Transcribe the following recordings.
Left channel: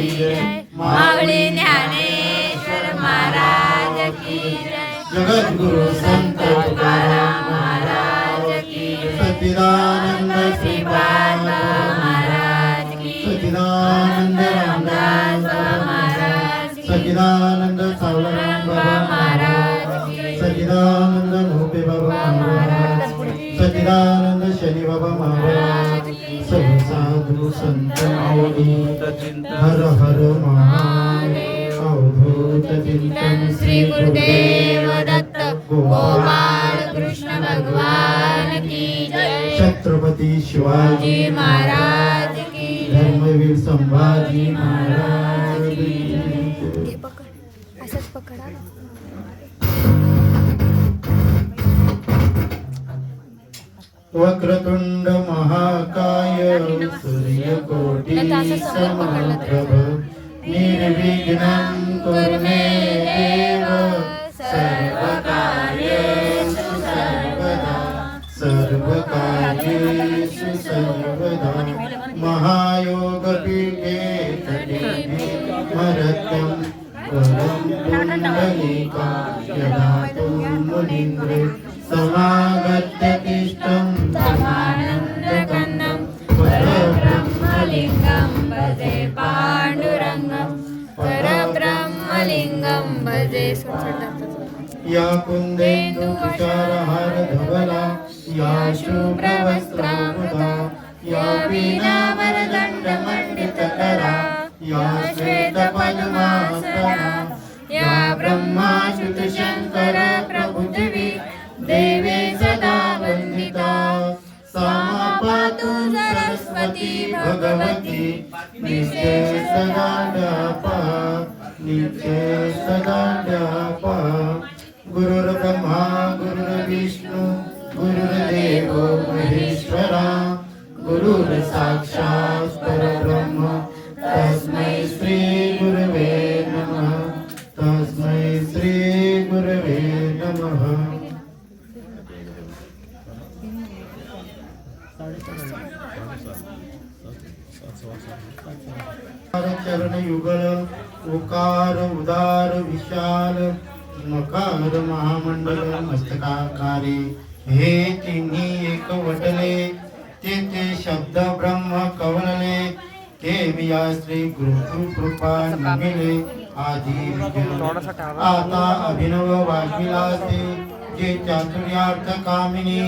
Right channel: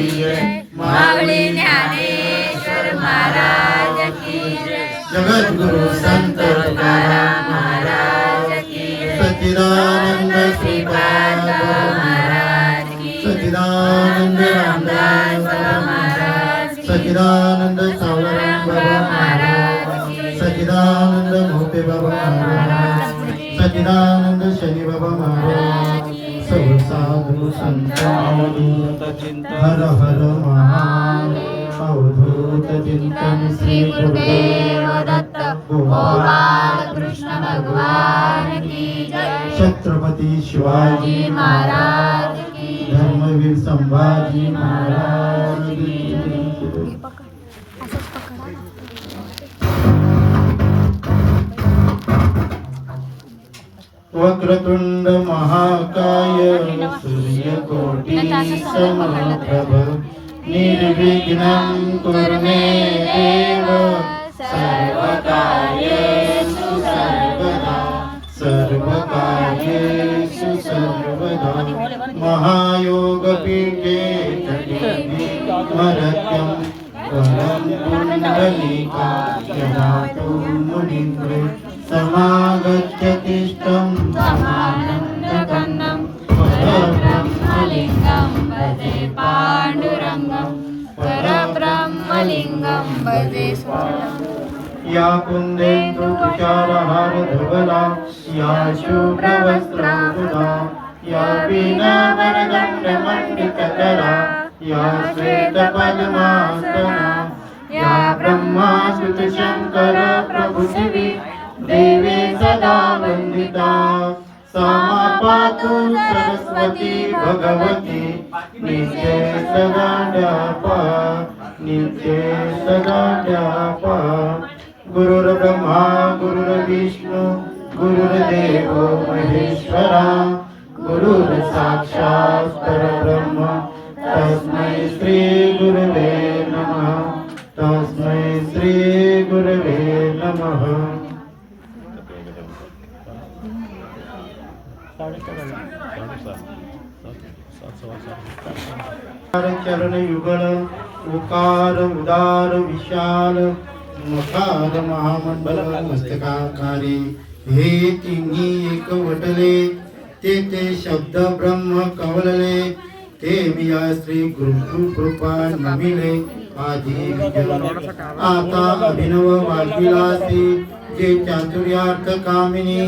की जय, माऊली ज्ञानेश्वर महाराज की जय, जगद्गुरु संत तुकाराम महाराज की जय, सच्चिदानंद श्रीपाद महाराज की, सच्चिदानंद रामदास महाराज की, सच्चिदानंद सावळराम बाबा महाराज की, सच्चिदानंद मोठे बाबा महाराज, सच्चिदानंद शनी बाबा महाराज, सर्व साधू संत हर हर महादेव, अवधूत चिंतन श्री गुरुदेव दत्त, गोपाळ कृष्ण भगवान की जय, छत्रपती शिवाजी महाराज की, धर्मवीर संभाजी महाराज की जय. वक्रतुंड महाकाय सूर्यकोटि समप्रभ, निर्विघ्नं कुरु मे देव, सर्वकार्येषु सर्वदा, सर्वकार्येषु सर्वदा. महायोगपीठे मरत्यं परं पुण्डलीकाय ददातु मुनीन्द्रे, समागत्य तिष्ठं समानन्दकन्नं, परब्रह्मलिङ्गं भजे पाण्डुरङ्गं, परब्रह्मलिङ्गं भजे सुरतं. या कुन्देन्दु तुषारहार धवला, या शुभ्रवस्त्रावृता, या वीणावरदण्डमण्डितकरा, या श्वेतपद्मासना, या ब्रह्माच्युत शङ्कर प्रभुशिवी, देवी सदा वंदिता. सा पातु सरस्वती भगवती, नित्ये सदा ड्यापा, नित्ये सदा ड्यापा. गुरुर्ब्रह्मा गुरुर्विष्णु गुरुर्देवो महेश्वरा, गुरुर्साक्षात् परब्रह्म, तस्मै श्री गुरवे नमः, तस्मै श्री गुरवे नमः. चरण युगल उकार उदार विशाल, मकार महामंडल मस्तकाकारी, हे तिन्ही एक वटले, ते शब्द ब्रह्म कवलले, ते विया श्री गुरु कृपा नमिले. आधी आता अभिनव वाकिलासी, जे चातुर्यार्थ कामिनी,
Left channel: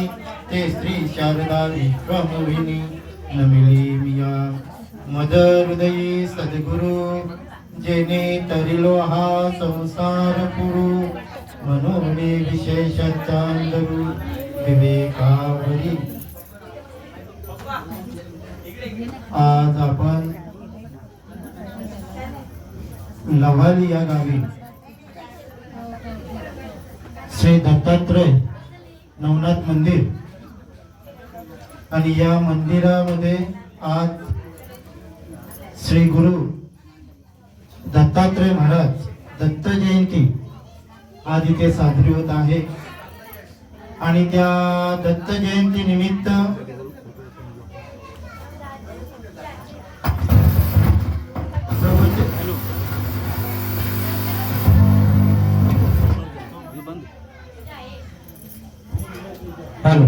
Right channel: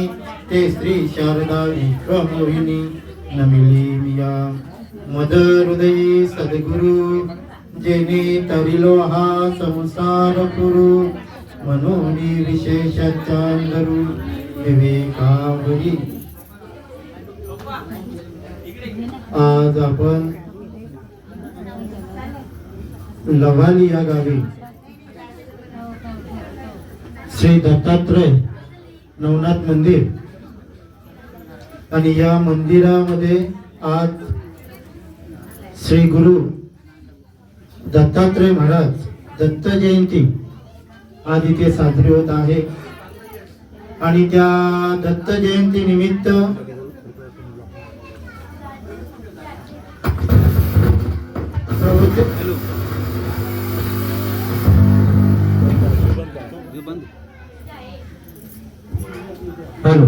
ते श्री शारदा विश्वमोहिनी. नमिली मिया मद हृदयी सद्गुरु, जेने तरिलो हा संसार पुरु, म्हणून विशेष चांदरू विवेकावरी. आज आपण लवाली या गावी श्री दत्तात्रय नवनाथ मंदिर, आणि या मंदिरामध्ये आज श्री गुरु दत्तात्रय महाराज दत्त जयंती आज इथे साजरी होत आहे. आणि त्या दत्त जयंती निमित्त हॅलो,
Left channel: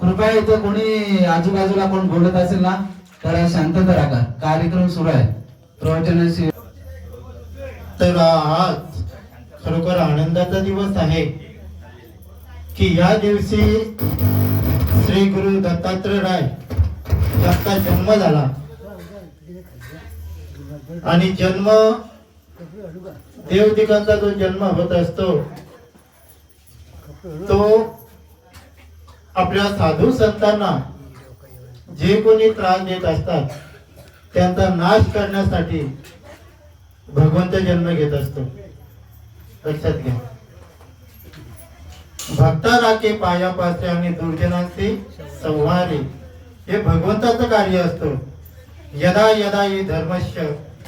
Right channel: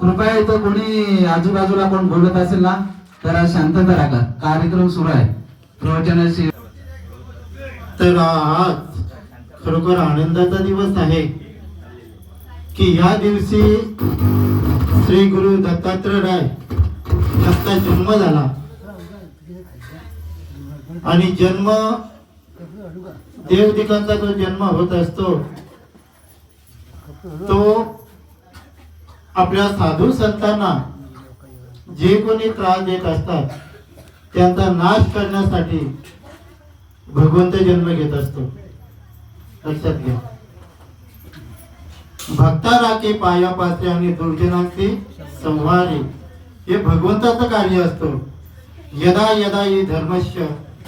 कृपया इथं कोणी आजूबाजूला कोण बोलत असेल ना तर शांतता राखा, कार्यक्रम सुरू आहे प्रवचनाशी. तर आज खरोखर आनंदाचा दिवस आहे की या दिवशी श्री गुरु दत्तात्रय राय यांचा जन्म झाला. आणि जन्म देवदिकांचा जो जन्म होत असतो तो आपल्या साधू संतांना जे कोणी त्रास देत असतात त्यांचा नाश करण्यासाठी भगवंत जन्म घेत असतो. लक्षात घ्या. भक्ता राखे पायापासे आणि दुर्जनांचे संहारे, हे भगवंताचं कार्य असतो. यदा यदा हि धर्मस्य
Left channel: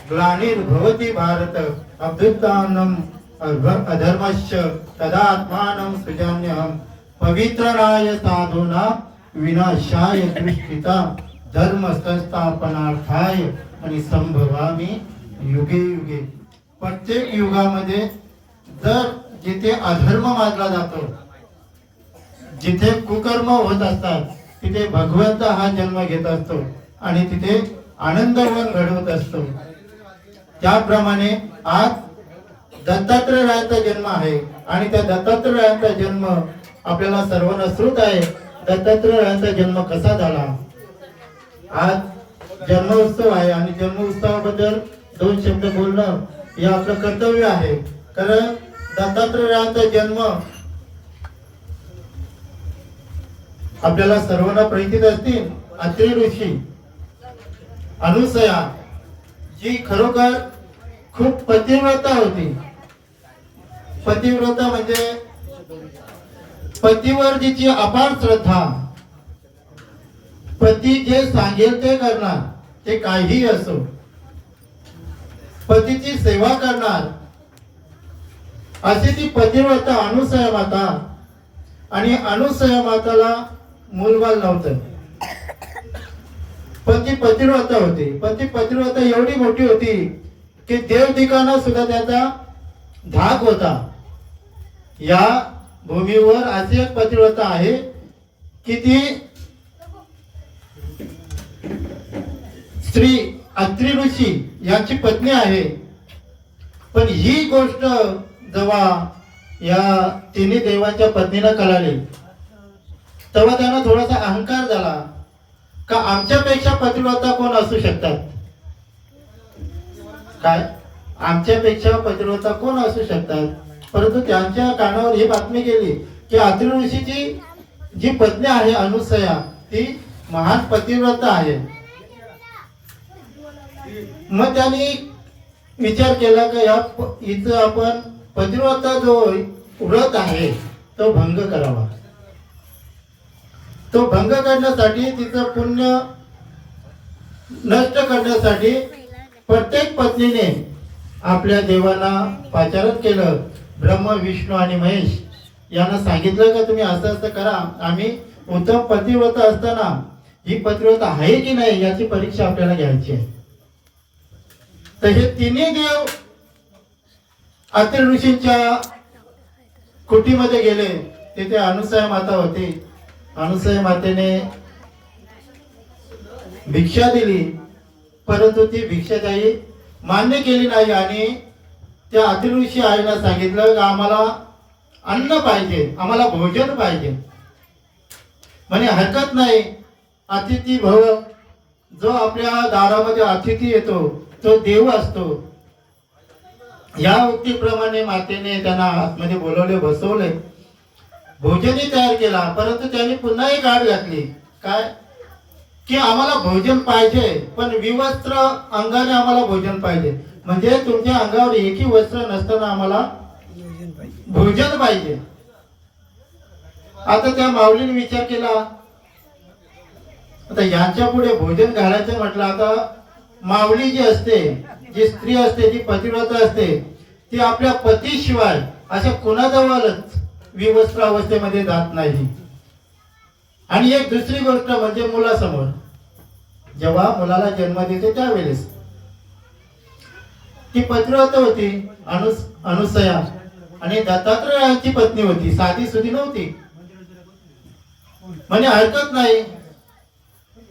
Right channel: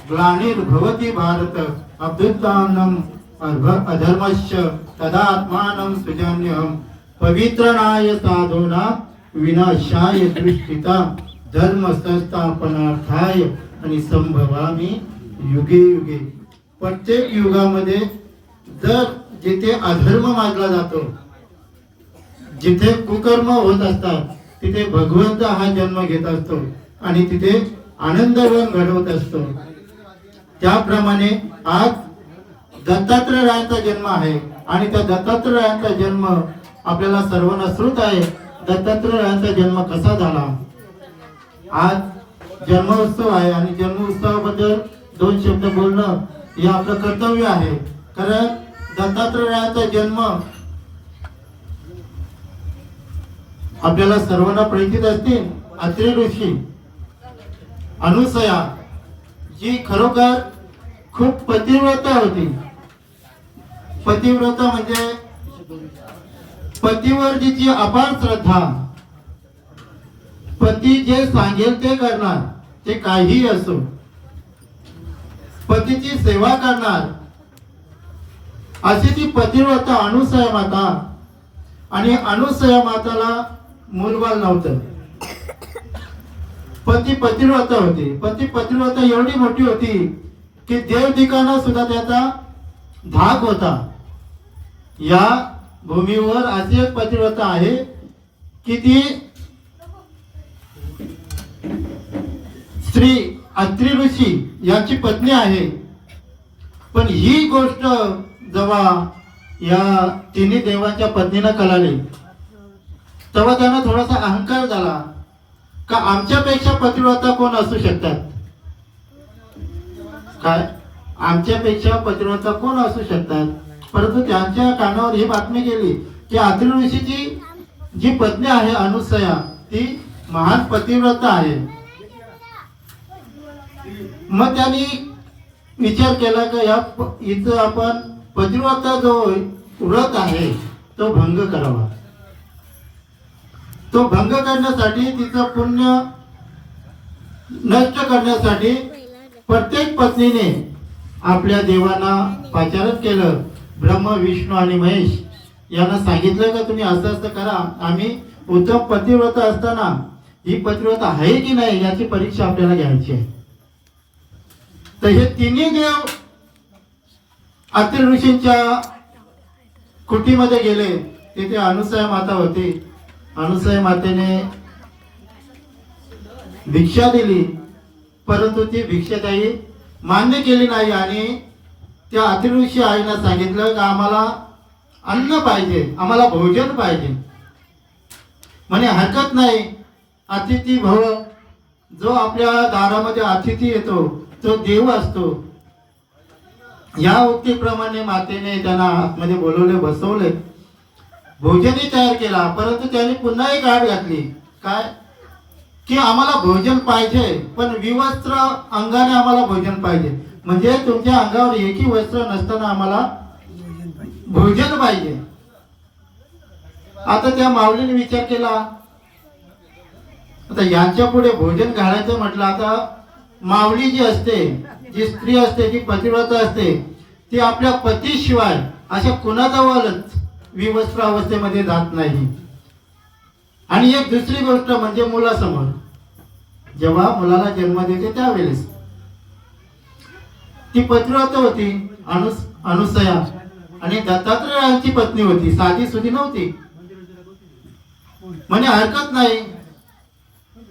ग्लानिर्भवति भारत अभ्युत्थानम् अधर्मस्य तदा आत्मानं सृजाम्यहम् पवित्रणाय साधूना विनाशाय दृष्टिता धर्म संस्थापनार्थाय आणि संभवामी युगे युगे प्रत्येक युगामध्ये जर जिथे अधर्म माजला जातो, जिथे कुकर्म होत असतात, तिथे भगवंत हा जन्म घेत असतो आणि तिथे आनंदवन घडवत असतो. त्याप्रमाणे आज दत्तात्रेयांचा जन्म आहे आणि त्या दत्तात्रेयांचा जन्म आपल्याला सर्वांना श्रुत आहे. दत्तात्रेयांचा जन्म कसा झाला? आज जन्मोत्सव आहे आणि जन्मोत्सवाबद्दल 2 शब्द बोलणं हे आपलं कर्तव्य आहे. कारण दत्तात्रेयांचा जन्म आपल्याला सर्वांना परिचित असतील. अत्रि ऋषी अनुसया जी खरोखर खूप पतिव्रता होती. पतिव्रता म्हणजे पतीवर जिची अपार श्रद्धा, पती जे सांगेल ते करणार, ते काहीही असो, पतीची सेवा करणार, अशी ती पतिव्रता अनुसया माता. आणि अनुसया माताला मूलबाल नव्हतं. पती पतिव्रता होती. पती पतिव्रता एवढी मोठी होती की देव ठिकाणा सुद्धा त्याचा धाक होता. या भूमीवर अशी एक पतिव्रता आहे की ती श्री अत्रि ऋषी यांची पत्नी आहे. पण ही गोष्ट जेव्हा या तिन्ही देवांच्या पत्नीला कळाली तेव्हा त्यांना थोडासा अहंकार झाला का आमच्यापेक्षा पतिव्रता कोण असू शकतात. काय आमच्यापेक्षा पतिव्रता कोण असू शकतात. परंतु त्यांच्या कानावर ही बातमी गेली की अत्रि ऋषीची जी पत्नी आहे अनुसया ती महान पतिव्रता आहे. मग त्यांनी विचार केला की या इथं आपण पतिव्रता जो व्रत आहे तो भंग करावा. तो भंग करण्यासाठी तिचं पुण्य नष्ट करण्यासाठी प्रत्येक पत्नीने आपल्या देवांना पाचारण केलं. ब्रह्म विष्णू आणि महेश यांना सांगितलं का तुम्ही असं असं करा. आम्ही उत्तम पतिव्रता असताना ही पतिव्रता आहे की नाही याची परीक्षा आपल्याला घ्यायची आहे. तर हे तिन्ही देव अत्रि ऋषींच्या कुटीमध्ये गेले. तिथे अनुसया माता होती. अनुसया मातेने भिक्षा दिली, परंतु ती भिक्षाताई मान्य केली नाही आणि त्या अत्रि ऋषी आईला सांगितलं की आम्हाला अन्न पाहिजे, आम्हाला भोजन पाहिजे. म्हणे हरकत नाही, अतिथी भव. जो आपल्या दारामध्ये अतिथी येतो तो देव असतो. या उक्तीप्रमाणे मातेने त्यांना आतमध्ये बोलवले, बसवले, भोजनही तयार केला. परंतु त्यांनी पुन्हा एक आड घातली. काय की आम्हाला भोजन पाहिजे पण विवस्त्र अंगाने आम्हाला भोजन पाहिजे. म्हणजे तुमच्या अंगावर एकही वस्त्र नसताना आम्हाला भोजन पाहिजे. आता त्या माऊलीने विचार केला, आता यांच्या पुढे भोजन घालायचं म्हटलं. आता माऊली जी असते, जी स्त्री असते, जी पतिव्रता असते, ती आपल्या पतीशिवाय अशा कुणाजवळच विवस्त्र अवस्थेमध्ये जात नाही. आणि एक दुसरी गोष्ट म्हणजे मुलासमोर जेव्हा मुलाला जन्म देते त्यावेळेस ती पतिव्रता होती अनुसया आणि दत्तात्रेयांची पत्नी होती. साधी सुधी नव्हती. म्हणे हरकत नाही.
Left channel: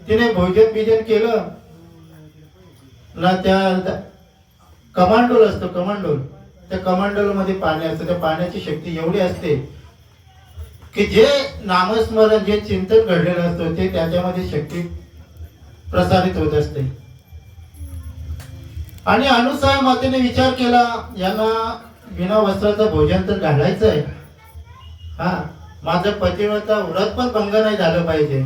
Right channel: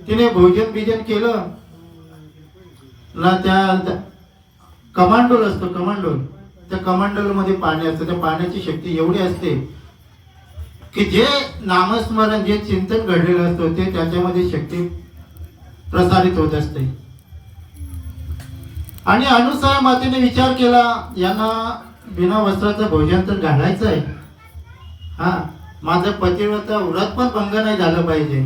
तिने भोजन बिजन केलं ना. त्या कमांडोल असतो, कमांडोल, त्या कमांडोल मध्ये पाणी असतं. त्या पाण्याची शक्ती एवढी असते की जे नामस्मरण, जे चिंतन घडलेलं असतं ते त्याच्यामध्ये शक्ती प्रसारित होत असते. आणि अनुसया मातेने विचार केला, यांना बिना वस्त्राचं भोजन तर घालायचं आहे. हा, माझं पतिव्रता व्रत पण भंग नाही झालं पाहिजे.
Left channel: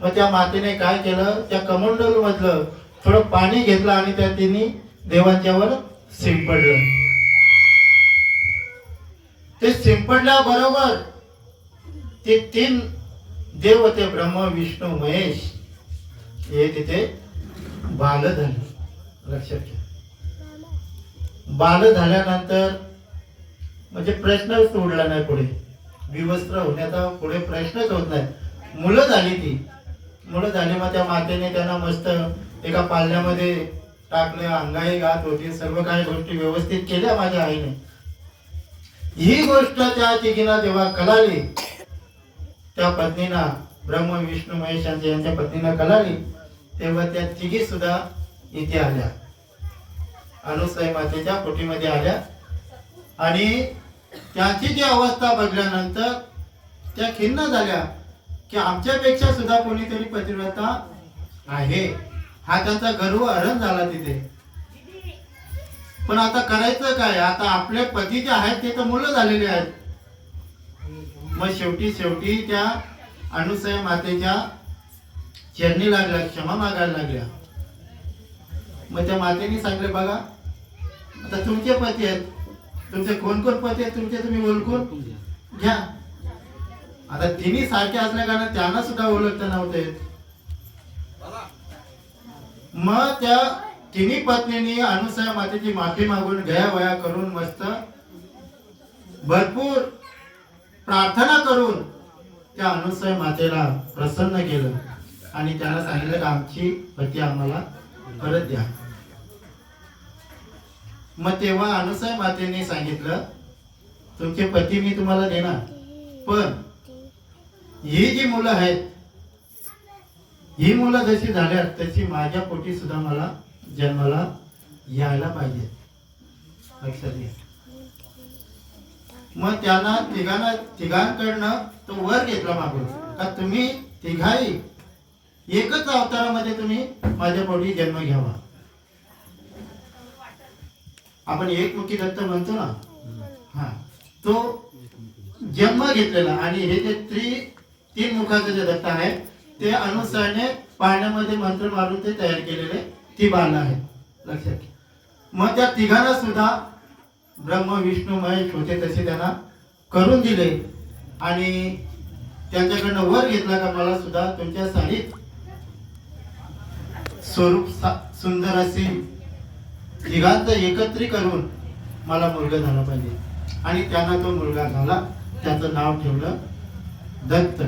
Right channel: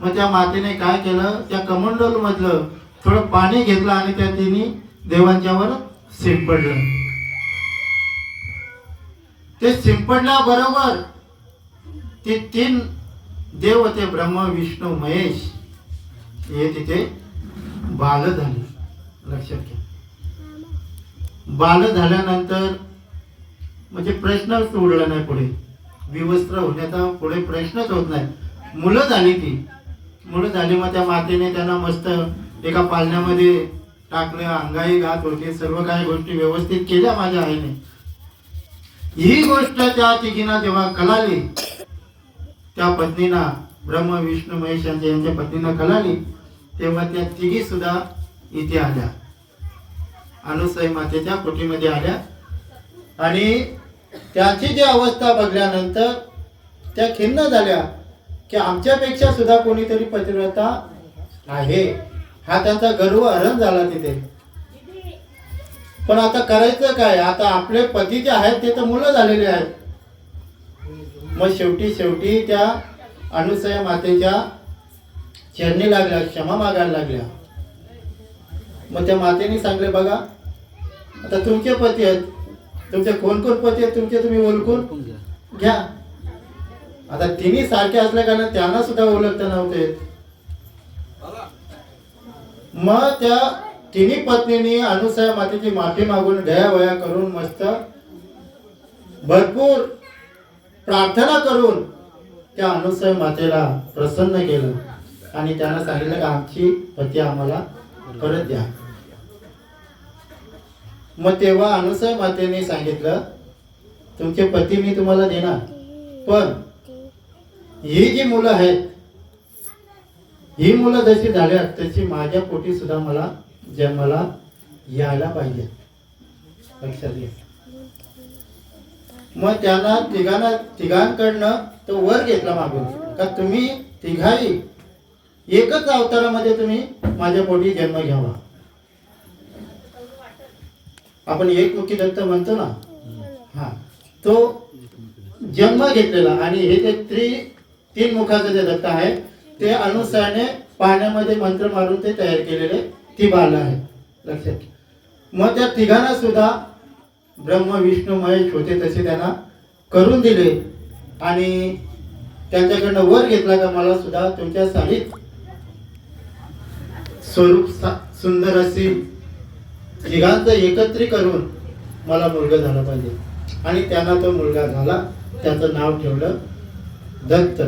मग त्या मातेने काय केलं, त्या कमंडल मधलं थोडं पाणी घेतलं आणि त्या तिन्ही देवांच्यावर शिंपडलं. ते शिंपडल्याबरोबर ते 3 देव होते, ब्रह्म विष्णू महेश, हे तिथे बाल झाले. लक्षात घ्या, बाल झाल्यानंतर म्हणजे प्रश्नच उडला नाही. पुढे विवस्त्र होण्याचा पुढे प्रश्नच होत नाही. मुलं झाली. ती मुलं झाली. मग त्या मातेने त्यांना मस्त एका पालण्यामध्ये टाकल्या, अंगाई घात होती, सर्व काही गोष्टी व्यवस्थित केल्या माझ्या आईने. ही गोष्ट त्या तिघींना जेव्हा कळाली, त्या पत्नीना, ब्रह्म विष्णू महेश यांच्या पत्नीना कळाली, तेव्हा त्या तिघी सुद्धा इथे आल्या, अनुसूया मातेच्या कुटीमध्ये आल्या. आणि त्यांची जी अवस्था बघल्यानंतर त्या खिन्न झाल्या की आमच्यापेक्षा सुद्धा कोणीतरी पतिव्रता आहे, हा त्यांचा गर्व हरण झाला तिथे. पण आता करायचं काय? आता आपले पती जे आहेत ते तर मुलं झालेले आहेत. मग शेवटी त्या अनुसूया मातेच्या चरणी लागल्या, क्षमा मागायला लागल्या. मग त्या मातेने सांगले, बघा आता तुमचे पती आहेत, तुमचे कोण पती आहेत तुमचे, तुम्ही ओळखून घ्या. आता तिन्ही सारखे असल्या कारण त्यांना सुद्धा ओळखता नव्हते. मग त्या तिन्ही पत्नींनी अनुसूया मातेची माफी मागून गयावया करून मस्त भरपूर प्रार्थना करून त्या अनुसूया मातेला प्रसन्न केलं आणि त्यांना सांगितलं की आमची पती आम्हाला परत द्या. मग तेव्हा अनुसूया मातेने सांगितलं, तुमचे पती मी तुम्हाला देणार, पण ही जी मुलं आहेत, ही मुलं जशी झाल्या तशी माझ्या पोटी सुद्धा मला जन्माला यायला पाहिजे, लक्षात घ्या. मग त्यांना तिघांकडनं तो वर घेतला मागून का तुम्ही तिघाही एकच अवतारामध्ये तुम्ही माझ्या पोटी जन्म घ्यावा. आपण एकमुखी दत्त म्हणतो ना, हा तो जन्म घेतलेला. आणि हे जे तीन मुखाचे जे दत्त आहे ते अनुसूयाने पाण्यामध्ये मंत्र मारून ते तयार केलेले ती बाल आहे, लक्षात घ्या. मग त्या तिघांना सुद्धा ब्रह्म विष्णू महेश होते तसे त्यांना करून दिले आणि त्यांच्याकडनं वर घेतला का मला सुद्धा तुमच्या साडीत स्वरूप सुंदर अशी तिघांचं एकत्रित करून मला मुलगा झाला पाहिजे. आणि त्यांना तो मुलगा झाला, त्याचं नाव ठेवलं दत्त,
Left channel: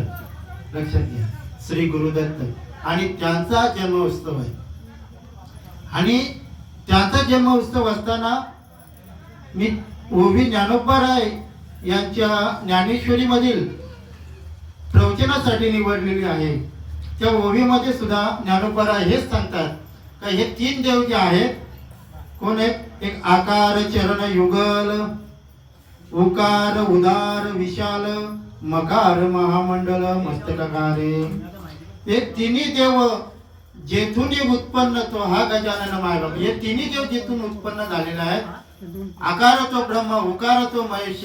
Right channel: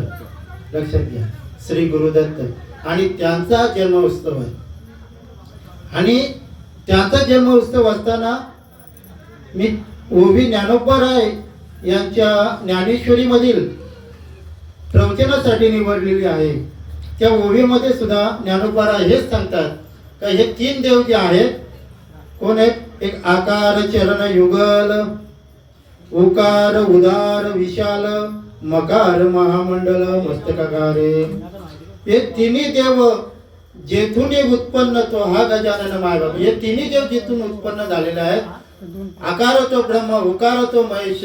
लक्षात घ्या, श्री गुरुदत्त. आणि त्यांचा जन्म उत्सव आहे. आणि त्यांचा जन्म उत्सव असताना मी ओवी ज्ञानोबाराय यांच्या ज्ञानेश्वरी मधील प्रवचनासाठी निवडलेली आहे. त्या ओवीमध्ये सुद्धा ज्ञानोबाराय हेच सांगतात का हे तीन देव जे आहेत, कोण आहेत? एक आकार चरण युगल, उकार उदार विशाल, मकार महामंडल मस्तकाकारे. हे तिन्ही देव जेथून उत्पन्न तो हा गजानन मायबाप, हे तिन्ही देव जिथून उत्पन्न झालेले आहेत. आकार तो ब्रह्म, उकार तो महेश,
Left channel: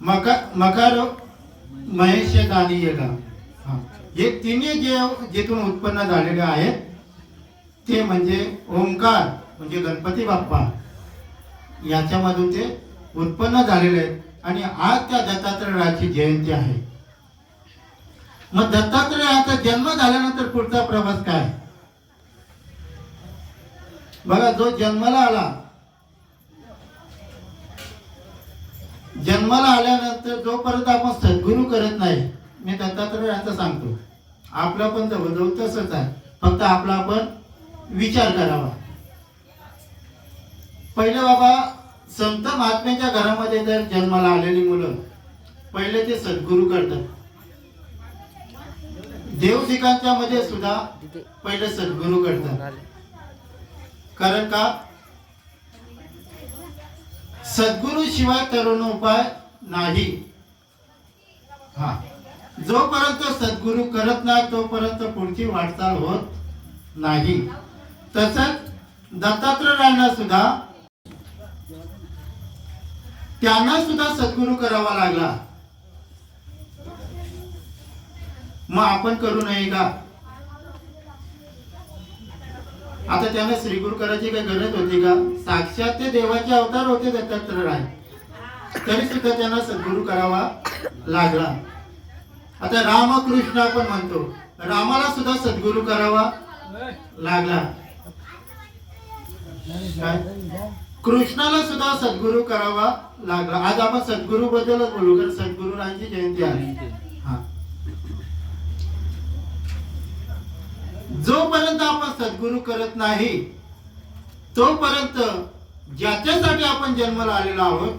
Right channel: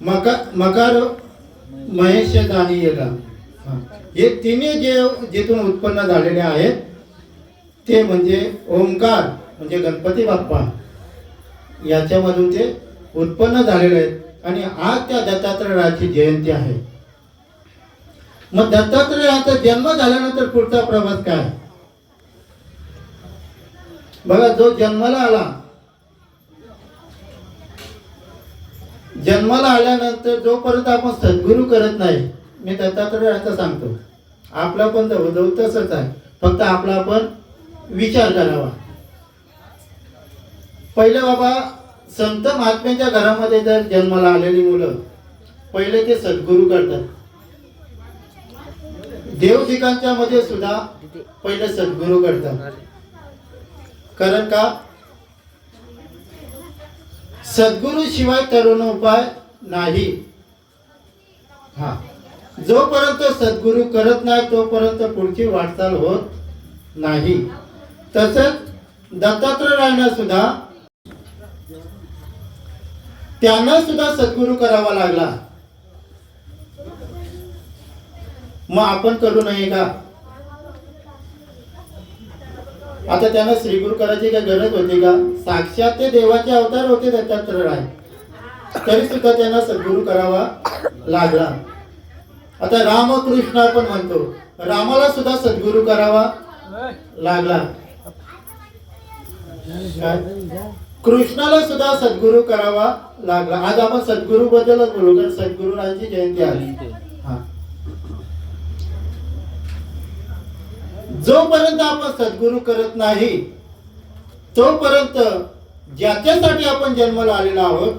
मकार महेश दानी येला. हे तिन्ही देव जिथून उत्पन्न झालेले आहेत ते म्हणजे ओंकार म्हणजे गणपती बाप्पा, याच्यामधून ते उत्पन्न झालेले आहेत. आणि आज त्या दत्तात्रयाची जयंती आहे. मग दत्तात्रयाचा जन्म झाल्यानंतर पुढचा प्रवास काय? बघा, जो जन्माला आल्यानंतर जोपर्यंत आपण सद्गुरू करत नाही, मी दत्तात्रयाचा सांगतो, आपला पण तसंच आहे, फक्त आपला आपण विचार करावा. पहिले बाबा संत महात्म्यांच्या घरामध्ये जर जन्माला आलेली मुलं पहिले ते सद्गुरू करतात. देवदिकांच्या मध्ये सुद्धा पहिले सद्गुरू करतात. कारण का? सद्गुरू शिवाय तरुण उपाय नाही. हा, जोपर्यंत सद्गुरू करत नाही तोपर्यंत पुढची वाटचाल होत नाही. तसंच दत्तात्रयाला सुद्धा त्यांना सुद्धा सद्गुरू करावा लागला. मग आपण करू नये का? आता त्यांना श्रीगुरू करायची काय गरज होती का? साक्षात ते देवाचे अवतार होते दत्तात्रय, तरी सुद्धा त्यांना सद्गुरू करावा लागला. आता रामकृष्ण आपण म्हणतो, रामाला सुद्धा सद्गुरू करावा लागला. काय? कृष्णाला सुद्धा सद्गुरू करावा लागला. आज आपण सद्गुरू बद्दलच बोलू, कारण सद्गुरूंची जयंती आली. जोपर्यंत आपण सद्गुरू करत नाही तोपर्यंत ज्याच्यासाठी आपण जन्माला आलेलो आहोत,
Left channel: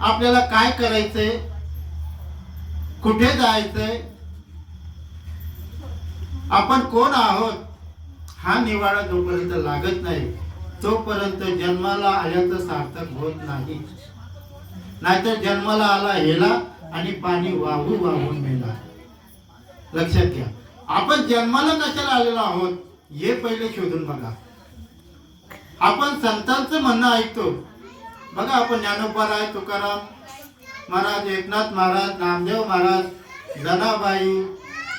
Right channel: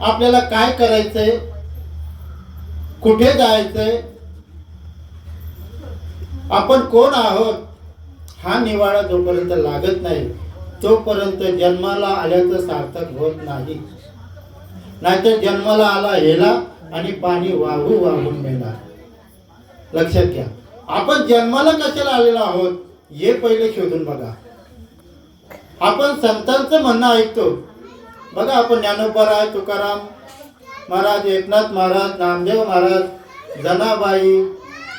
आपल्याला काय करायचंय, कुठे जायचंय, आपण कोण आहोत, हा निवाडा जोपर्यंत लागत नाही तोपर्यंत जन्माला आल्याचं सार्थक होत नाही. नाहीतर जन्माला आला हेला आणि पाणी वाहून नेला. लक्षात घ्या, आपण जन्माला कशाला आलेलो आहोत हे पहिले शोधून बघा. आपण संतांचं म्हणणं ऐकतो बघा. आपण ज्ञानोबा, तुकाराम महाराज, एकनाथ महाराज, नामदेव महाराज, जनाबाई,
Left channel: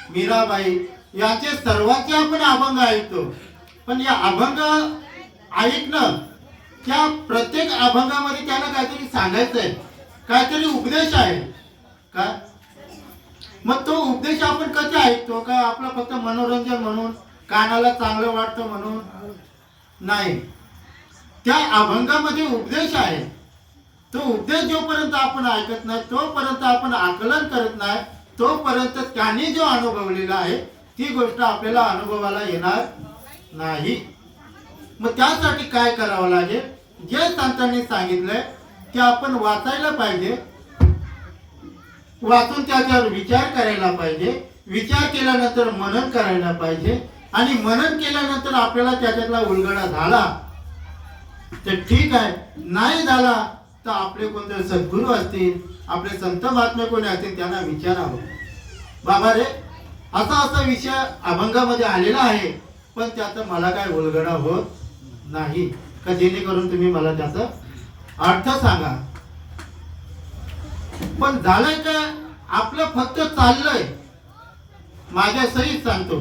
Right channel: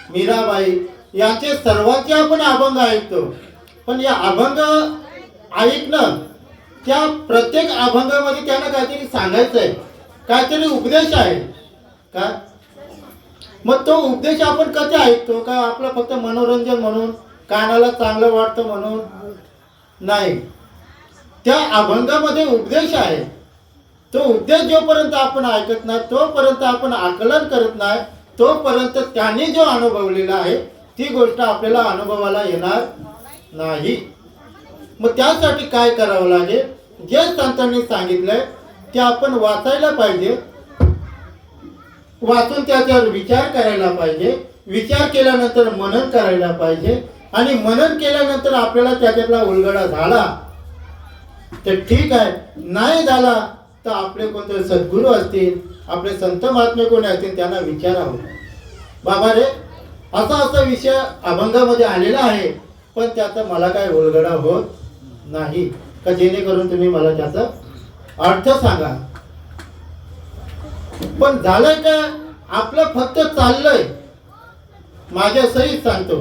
मीराबाई याचे सर्वांचे आपण अभंग ऐकतो. पण या अभंग ऐकणं, त्या प्रत्येक अभंगामध्ये त्यांना काहीतरी सांगायचं आहे, काहीतरी उपदेश आहे का. मग तो उपदेश आपण कसा ऐकतो का आपलं फक्त मनोरंजन म्हणून, कानाला चांगलं वाटतं म्हणून नाही. त्या अभंगामध्ये उपदेश आहे. तो उपदेश जोपर्यंत आपण ऐकत नाही, तोपर्यंत आपण आकलन करत नाही, तोपर्यंत त्यांनी जो अनुभवलेला आहे ती गोष्ट आपल्याला अनुभवाला येणार नाही. मग त्यासाठी काय करावं लागेल, जे संतांनी सांगितलंय ते आपण वाचायला पाहिजे, वाचून त्याच्यावर विचार करायला पाहिजे, विचार केल्यानंतर मनन करायला पाहिजे, आणि मनन केल्यानंतर आपल्याला त्याच्यातला उलगडा झाला तर ठीक आहे, नाही झाला तर आपले कोणते सद्गुरू असतील, आपले संत महात्मे कोणी असतील त्यांना विचारावं, बाबा रे असा विषय अभंगामध्ये आलेला आहे पण त्याचा मला काय उलगडा होत नाही का, जेणेकरून तुम्ही मला त्याचा अर्थ सांगा. पण झालंय का आपलं फक्त चाललंय, माझ्या सहित सांगतो,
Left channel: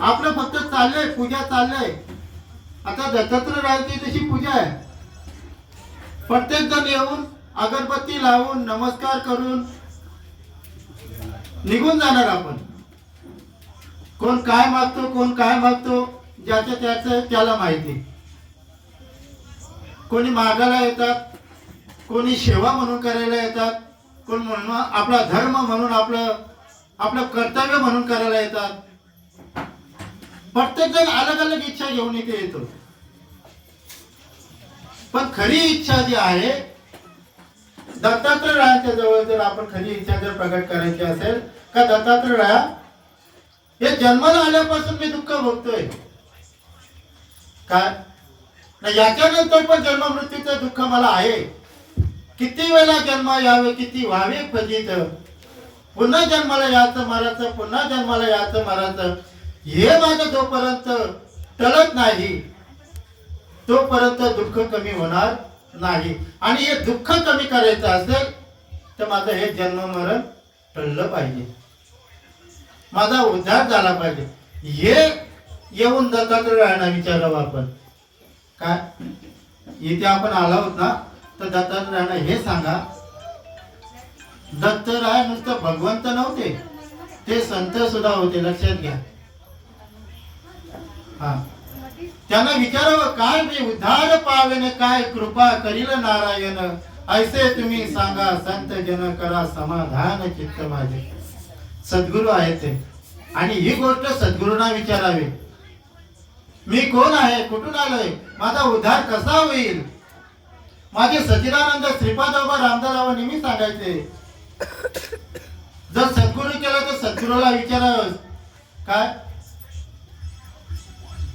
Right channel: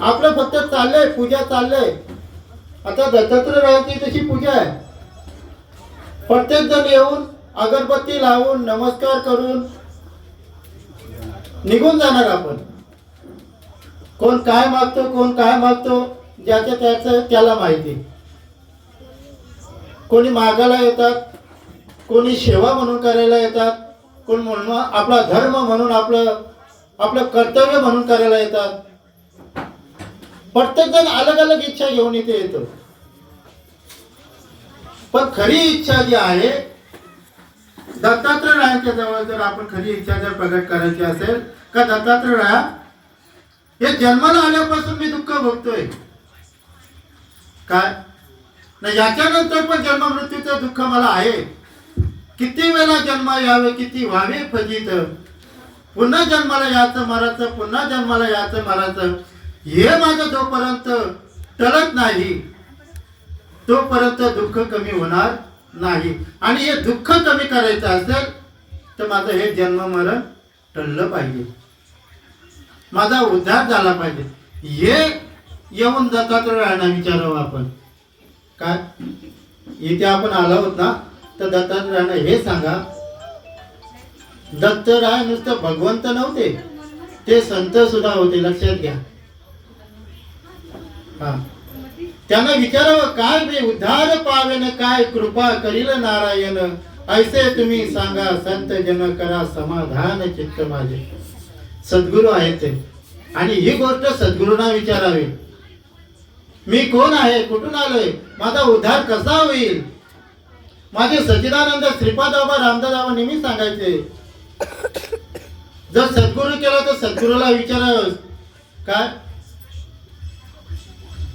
आपलं फक्त चाललंय, पूजा चाललंय. आता दत्तात्रय रायांची तशी पूजा आहे. प्रत्येक जण येऊन अगरबत्ती लावून नमस्कार करून निघून जाणार. आपण कोण काय मागतो ज्याचं त्याचं त्याला माहिती. कोणी मागायला येतात, कोणी सेवा म्हणून करायला येतात, कोण म्हणून आपला धर्म म्हणून आपलं कर्तव्य म्हणून करायला येतात. प्रत्येक जण अलग अलग इच्छा घेऊन इथे येतो. पण खरी इच्छा जी आहे दत्तात्रय रायांच्या जवळ, जर आपण खरी इच्छा जर प्रकट करायची असेल का दत्तात्रय राया हे जन्माला आल्यापासून मी दुःख भोगतोय काय नाही, याच्यानंतर पण जन्म मृत्यूचं दुःख मला आहे. किती वेळा जन्म यावे, किती व्हावे फजित, पुन्हा जन्माला यायचं मरायचं, पुन्हा जन्माला यायचं मरायचं, हे माझं जोपर्यंत टळत नाही तोपर्यंत दुःख कमी होणार नाही. आणि हे दुःख कमी करायचं असेल तर माझं हे जन्म मरण टळलं पाहिजे, माझा उद्धार झाला पाहिजे. हे येऊन दत्तात्रयाला विचारावं आपण. काय इथे आपण आलो आहोत ना, तर दत्तात्रयाला हे सांगा, दत्तराय नुसतं भगवंत नव्हते, ते संत सुद्धा होते. लक्षात घ्या. हा, त्यांना विचारावं काय मी उद्धार पावेन, काय कृपा करील नारायण, ऐसे तुम्ही सांगा संत जन करा समाधान चित्त माझे. सद्गुरू आहेत ते, आणि ही गोष्ट सद्गुरूंना विचारावी. मी कोण आहे, कुठून आलोय, माझा उद्धार कसा होईल. माझे सच्चिदानंद श्रीपाद बाबा रामदास बाबा नेहमी सांगायचे, जर सद्गुरू केला तर सद्गुरूला विचारावं काय,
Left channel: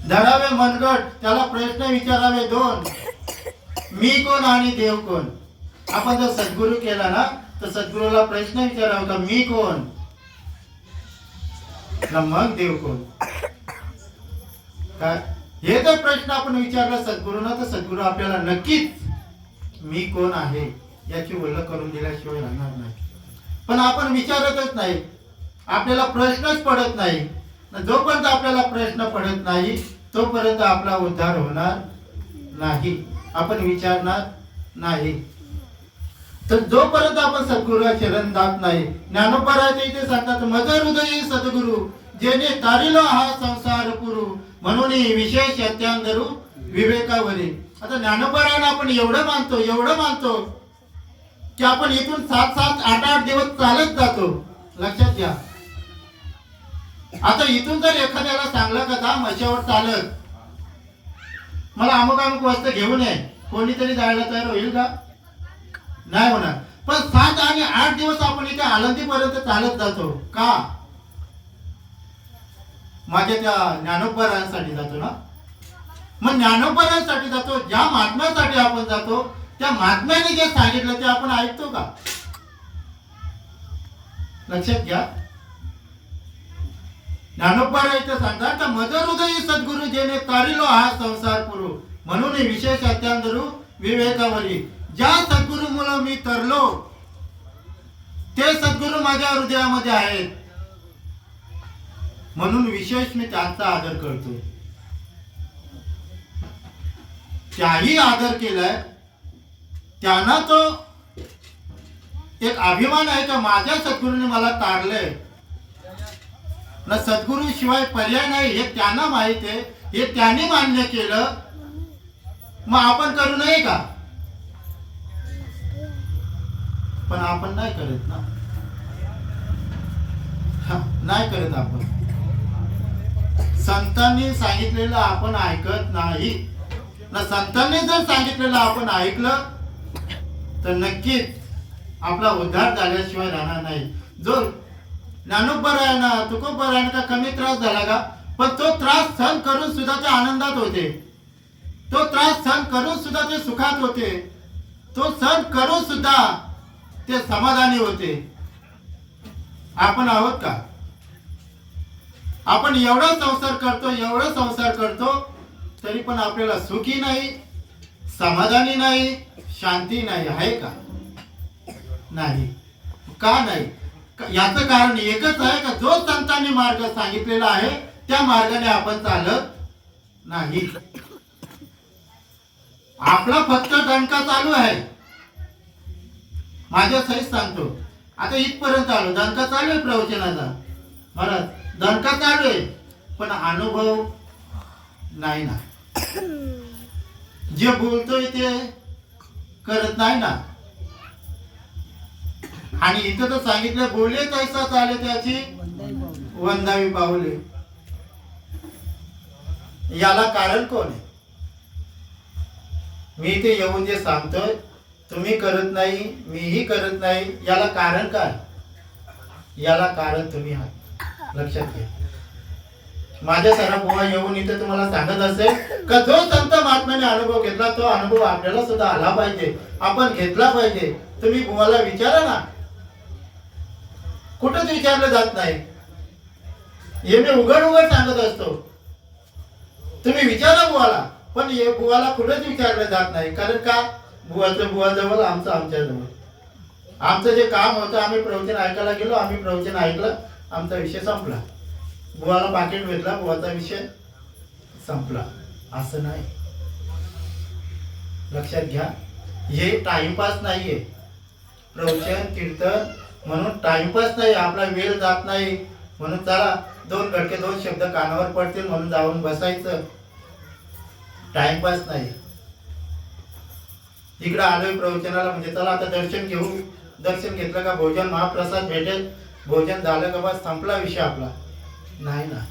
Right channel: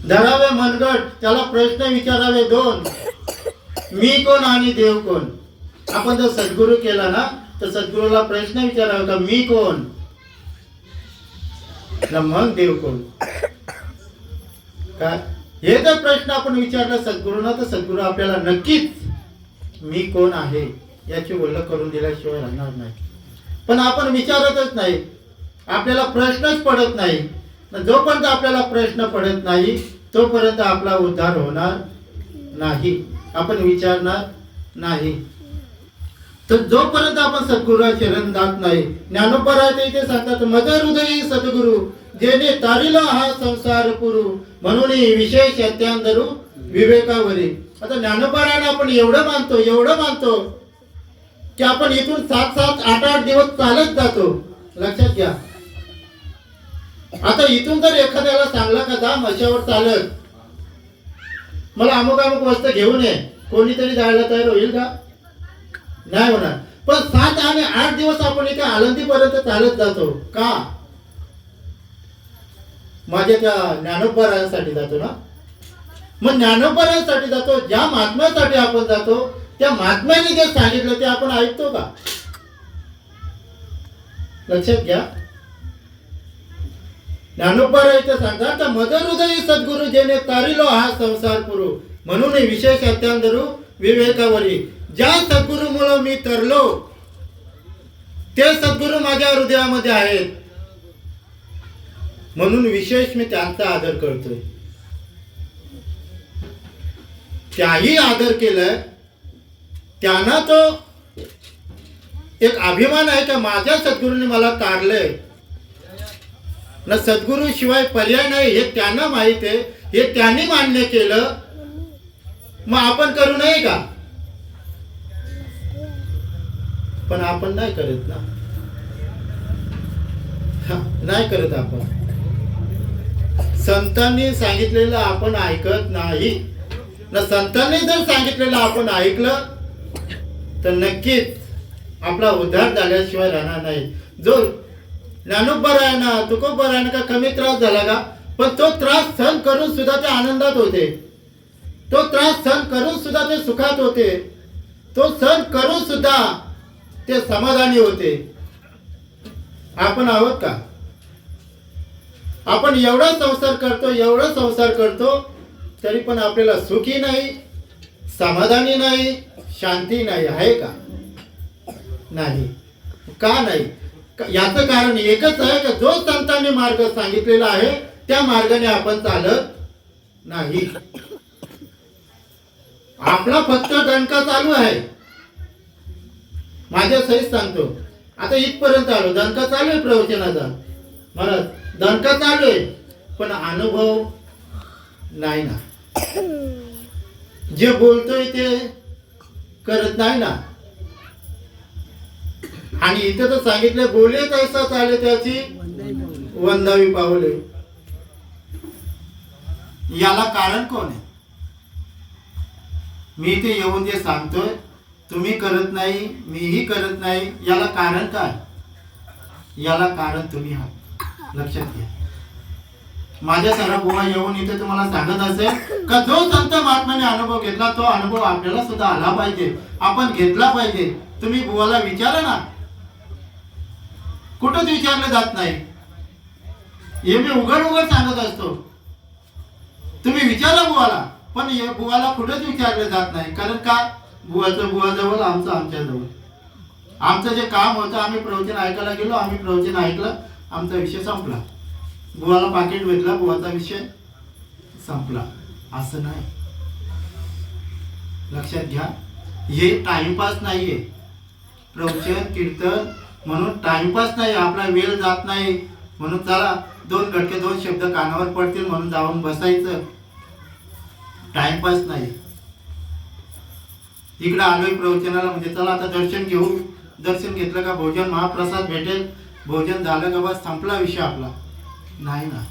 धरावे मनगट, त्याला प्रश्न विचारावे दोन, मी कोण आणि देव कोण. आपण जर सद्गुरू केला ना तर सद्गुरूला प्रश्न विचारावा का मी कोण ना मग देव कोण. काय हे जर प्रश्न आपण विचारला सद्गुरूंना तर सद्गुरू आपल्याला नक्कीच मी कोण आहे याची ओळख करून दिल्याशिवाय राहणार नाही. पण आपण विचारतच नाही, आपल्याला प्रश्नच पडत नाही. जोपर्यंत आपल्याला प्रश्न पडत नाही तोपर्यंत आपला उद्धार होणार नाही, आपण विचारणार नाही. तर जोपर्यंत आपण सद्गुरूला शरण जात नाही, ज्ञानोबा राय इथे सांगतात, मज हृदयी सद्गुरू जेणे तारिला हा संसार पुरू, म्हणून विशेष अत्यांदरू विवेकावरी. आता ज्ञानोबा रायला आपण एवढं मानतो की आपण इथून 7-7, 8-8 दिवस चालत जातो. लक्षात घ्या. आता इथून जर एखाद्याला सांगलं का जा मशावर चालत, मला अमुक अमुक वस्तू घेऊन ये, कोणीतरी जायला तयार होईल का? नाही होणार. पण 7 आणि 8 दिवस आपण इथे आळंदीपर्यंत चालत जातो का? माझ्या त्या ज्ञानोबरायांसाठी जातो ना. मग ज्ञानोबरायांसाठी जातो, ज्या महात्म्यासाठी आपण जातो, त्या महात्म्याने जे सांगितलं ते आपण ऐकतो का? लक्षात घ्या. ज्ञानोबा इथे सांगतात, मद हृदयी सद्गुरु जेने तारिलो हा संसार पुरू, म्हणून विशेष अत्यांदरू विवेकावरी. ज्या सद्गुरु मुळे मी तरलो ते सद्गुरु माझ्या हृदयामध्ये आहेत, म्हणून विशेष मी त्यांचा आदर करतोय. त्याही आदर केलाय, त्यांना तो एक अभिमान आहे का माझ्या सद्गुरूने मला तारलंय ना. सद्गुरू शिवाय पर्याय नाही हे त्यांना माहित आहे, हे त्यांनी मान्य केलं. मग आपण करू नये का? पण आपण नाही करत ना. नाही करत आपण. संतांनी सांगितलेलं आपण ऐकत नाही ना. संतांनी जर सांगितलेलं आपण ऐकलं तर नक्कीच आपला उद्धार झाल्याशिवाय राहणार नाही. जो ज्ञानोबरायांना तुकोबरायांना का कमी त्रास झाला का? पण तो त्रास सहन करून सुद्धा ते आनंदात होते. तो त्रास सहन करून सुद्धा ते सुखात होते. तो सहन करून सुद्धा ते समाधानी होते. आपण आहोत का? आपण एवढा संसार करतो, एवढा संसार करतो, तरी पण आपल्याला सुखी नाही, समाधानी नाही, शांती नाही. आहे का? नाही. का नाही? याचं कारण एकच आहे का जो संतांनी मार्ग सांगितलेला आहे त्या मार्गाने आपण चालत नाही. आपला फक्त दणका चालू आहे. माझ्या सहित सांगतो, आता इथपर्यंत आलो, दणका चालू आहे प्रवचनाचा. मला दणका चालू आहे, पण अनुभव नाही ना. जे बोलतोय ते करत नाही ना. आणि इथं तर सांगितलं, बोले तैसा चाले त्याची वंदावी पावले. याला कारण कोण आहे? मी इथे येऊन जे सांगतोय तुम्ही करत नाही, मीही करत नाही, याला कारण काय? याला कारण तुम्ही आहात. लक्षात घ्या. माझ्या सारा बुवा येऊन इथे तुम्हाला सांगत असेल का जो संत महात्म्याने अनुभव घेतला तो अनुभव आपल्याला सुद्धा आला पाहिजे, आपण घेतला पाहिजे. तुम्ही बुवाला विचारा ना. कुठंच विचारलं जात नाही. हे मी उघड उघड सांगत असतो. तुम्ही विचारा बुवाला, पण हे बुवाला कुठंच विचारलं जात नाही. कारण का? बुवाचं बुवाजवळ, आमचं आमच्याजवळ. आमचं जे काम होतं, आम्ही प्रवचन ऐकायला गेलो, आम्ही प्रवचन ऐकलं, आमचा विषय संपला. बुवाला पाकिट भेटला, बुवाचा विषय संपला. असं नाही. लक्षात घ्या. हे टाइमपास नाहीये. प्रवचन कीर्तन म्हणून टाइमपास नाही. आपला वेळ जात नाही म्हणून चला 2 घटके 2 शब्द कानावर पडतील म्हणून जाऊन बसायचं. टाइमपास नाही. इकडे आलोय प्रवचनाला म्हणजे चला आता दर्शन घेऊ. दर्शन घेतलं का भोजन महाप्रसाद भेटेल, भोजन झालं का बस संपला विषय आपला. नाही ना.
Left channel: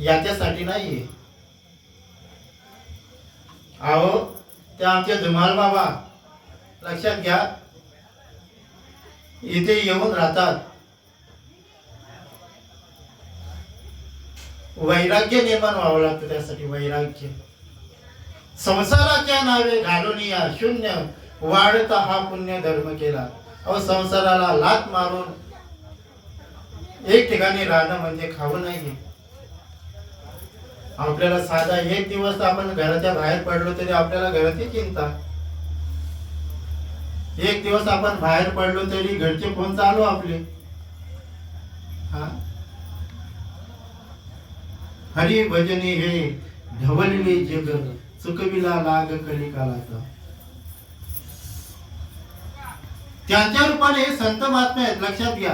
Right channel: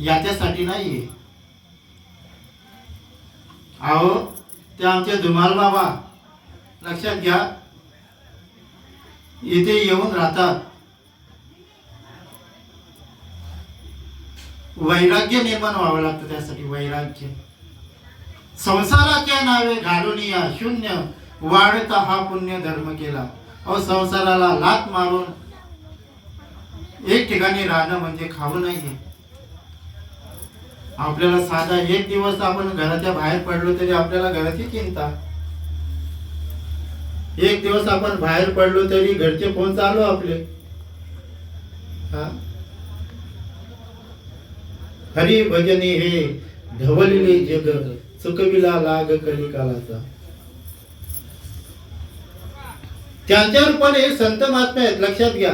याच्यासाठी नाहीये. अहो ते आमचे धुमाल बाबा, लक्षात घ्या, इथे येऊन राहतात. वैराग्य निर्माण व्हावं लागतं त्यासाठी. वैराग्य. संसाराच्या नावे घालून या शून्य वाढता हा पुण्य धर्म केला. अहो संसाराला लात मारून एक ठिकाणी राहणं म्हणजे खावं नाहीये. आपल्याला साधा 1 दिवस आपण घराच्या बाहेर पडलो तरी आपल्याला घराची चिंता. 1 दिवस आपण बाहेर पडलो तरी घरचे फोन चालू आपले. हरी भजनी हे ढवळले जग, चुकविला लाग कलिकालाचा. त्यांच्या रूपाने हे संत महात्मे आहेत. लक्षात घ्या.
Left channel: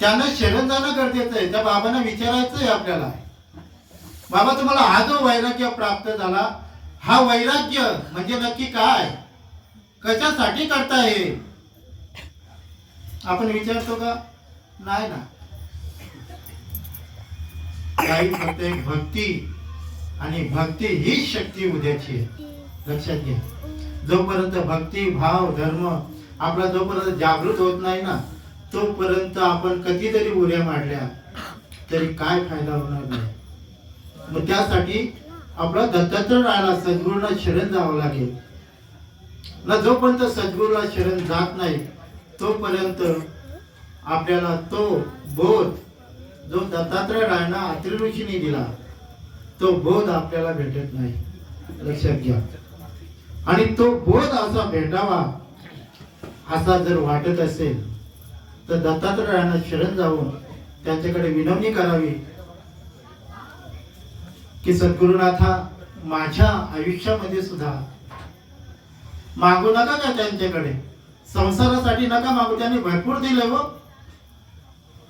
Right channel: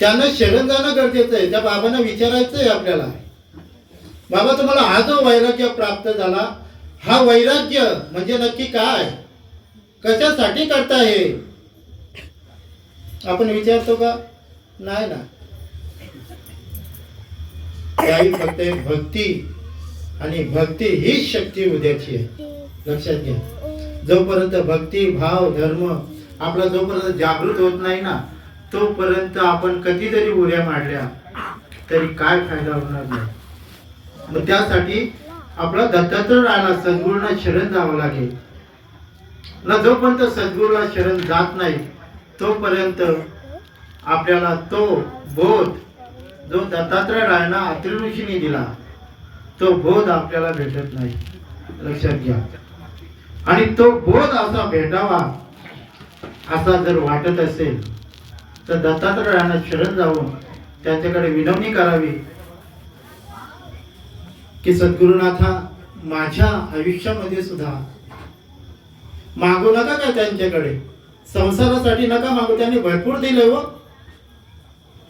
त्यांना शरण जाणं गरजेचं आहे. त्या बाबांना विचारायचं आहे आपल्याला, बाबा तुम्हाला हा जो वैराग्य प्राप्त झाला, हा वैराग्य म्हणजे नक्की काय, कशासाठी करताय हे? आपण विचारतो का? नाही ना. त्याही फक्त एक भक्ती, आणि भक्ती हीच शक्ती उद्याची आहे. लक्षात घ्या. जोपर्यंत भक्ती भाव धर्म आपला जोपर्यंत जागृत होत नाही ना, तोपर्यंत आपण कितीतरी उड्या मारल्या तरी काय फायदा होणार नाही. मग त्यासाठी आपला दत्तात्रय राहायला सद्गुरूंना शरण जावं लागेल ना. जोपर्यंत सद्गुरूला शरण जात नाही तोपर्यंत आपल्याला तो बोध जो दत्तात्रय राहायला अत्रि ऋषींनी दिला तो बोध आपल्याला भेटत नाही. लक्षात घ्या. आणि तो बोध असा भेटावा असा जर वाटत असेल तर दत्तात्रय राहायला शरण जाऊन त्यांच्याकडे विनवणी करावी की सद्गुरुनाथा माझ्या आयुष्यामध्ये सुद्धा मागू नका का त्यांच्याकडे, संसारासाठी नका मागू, त्यांनी भरपूर दिले हो.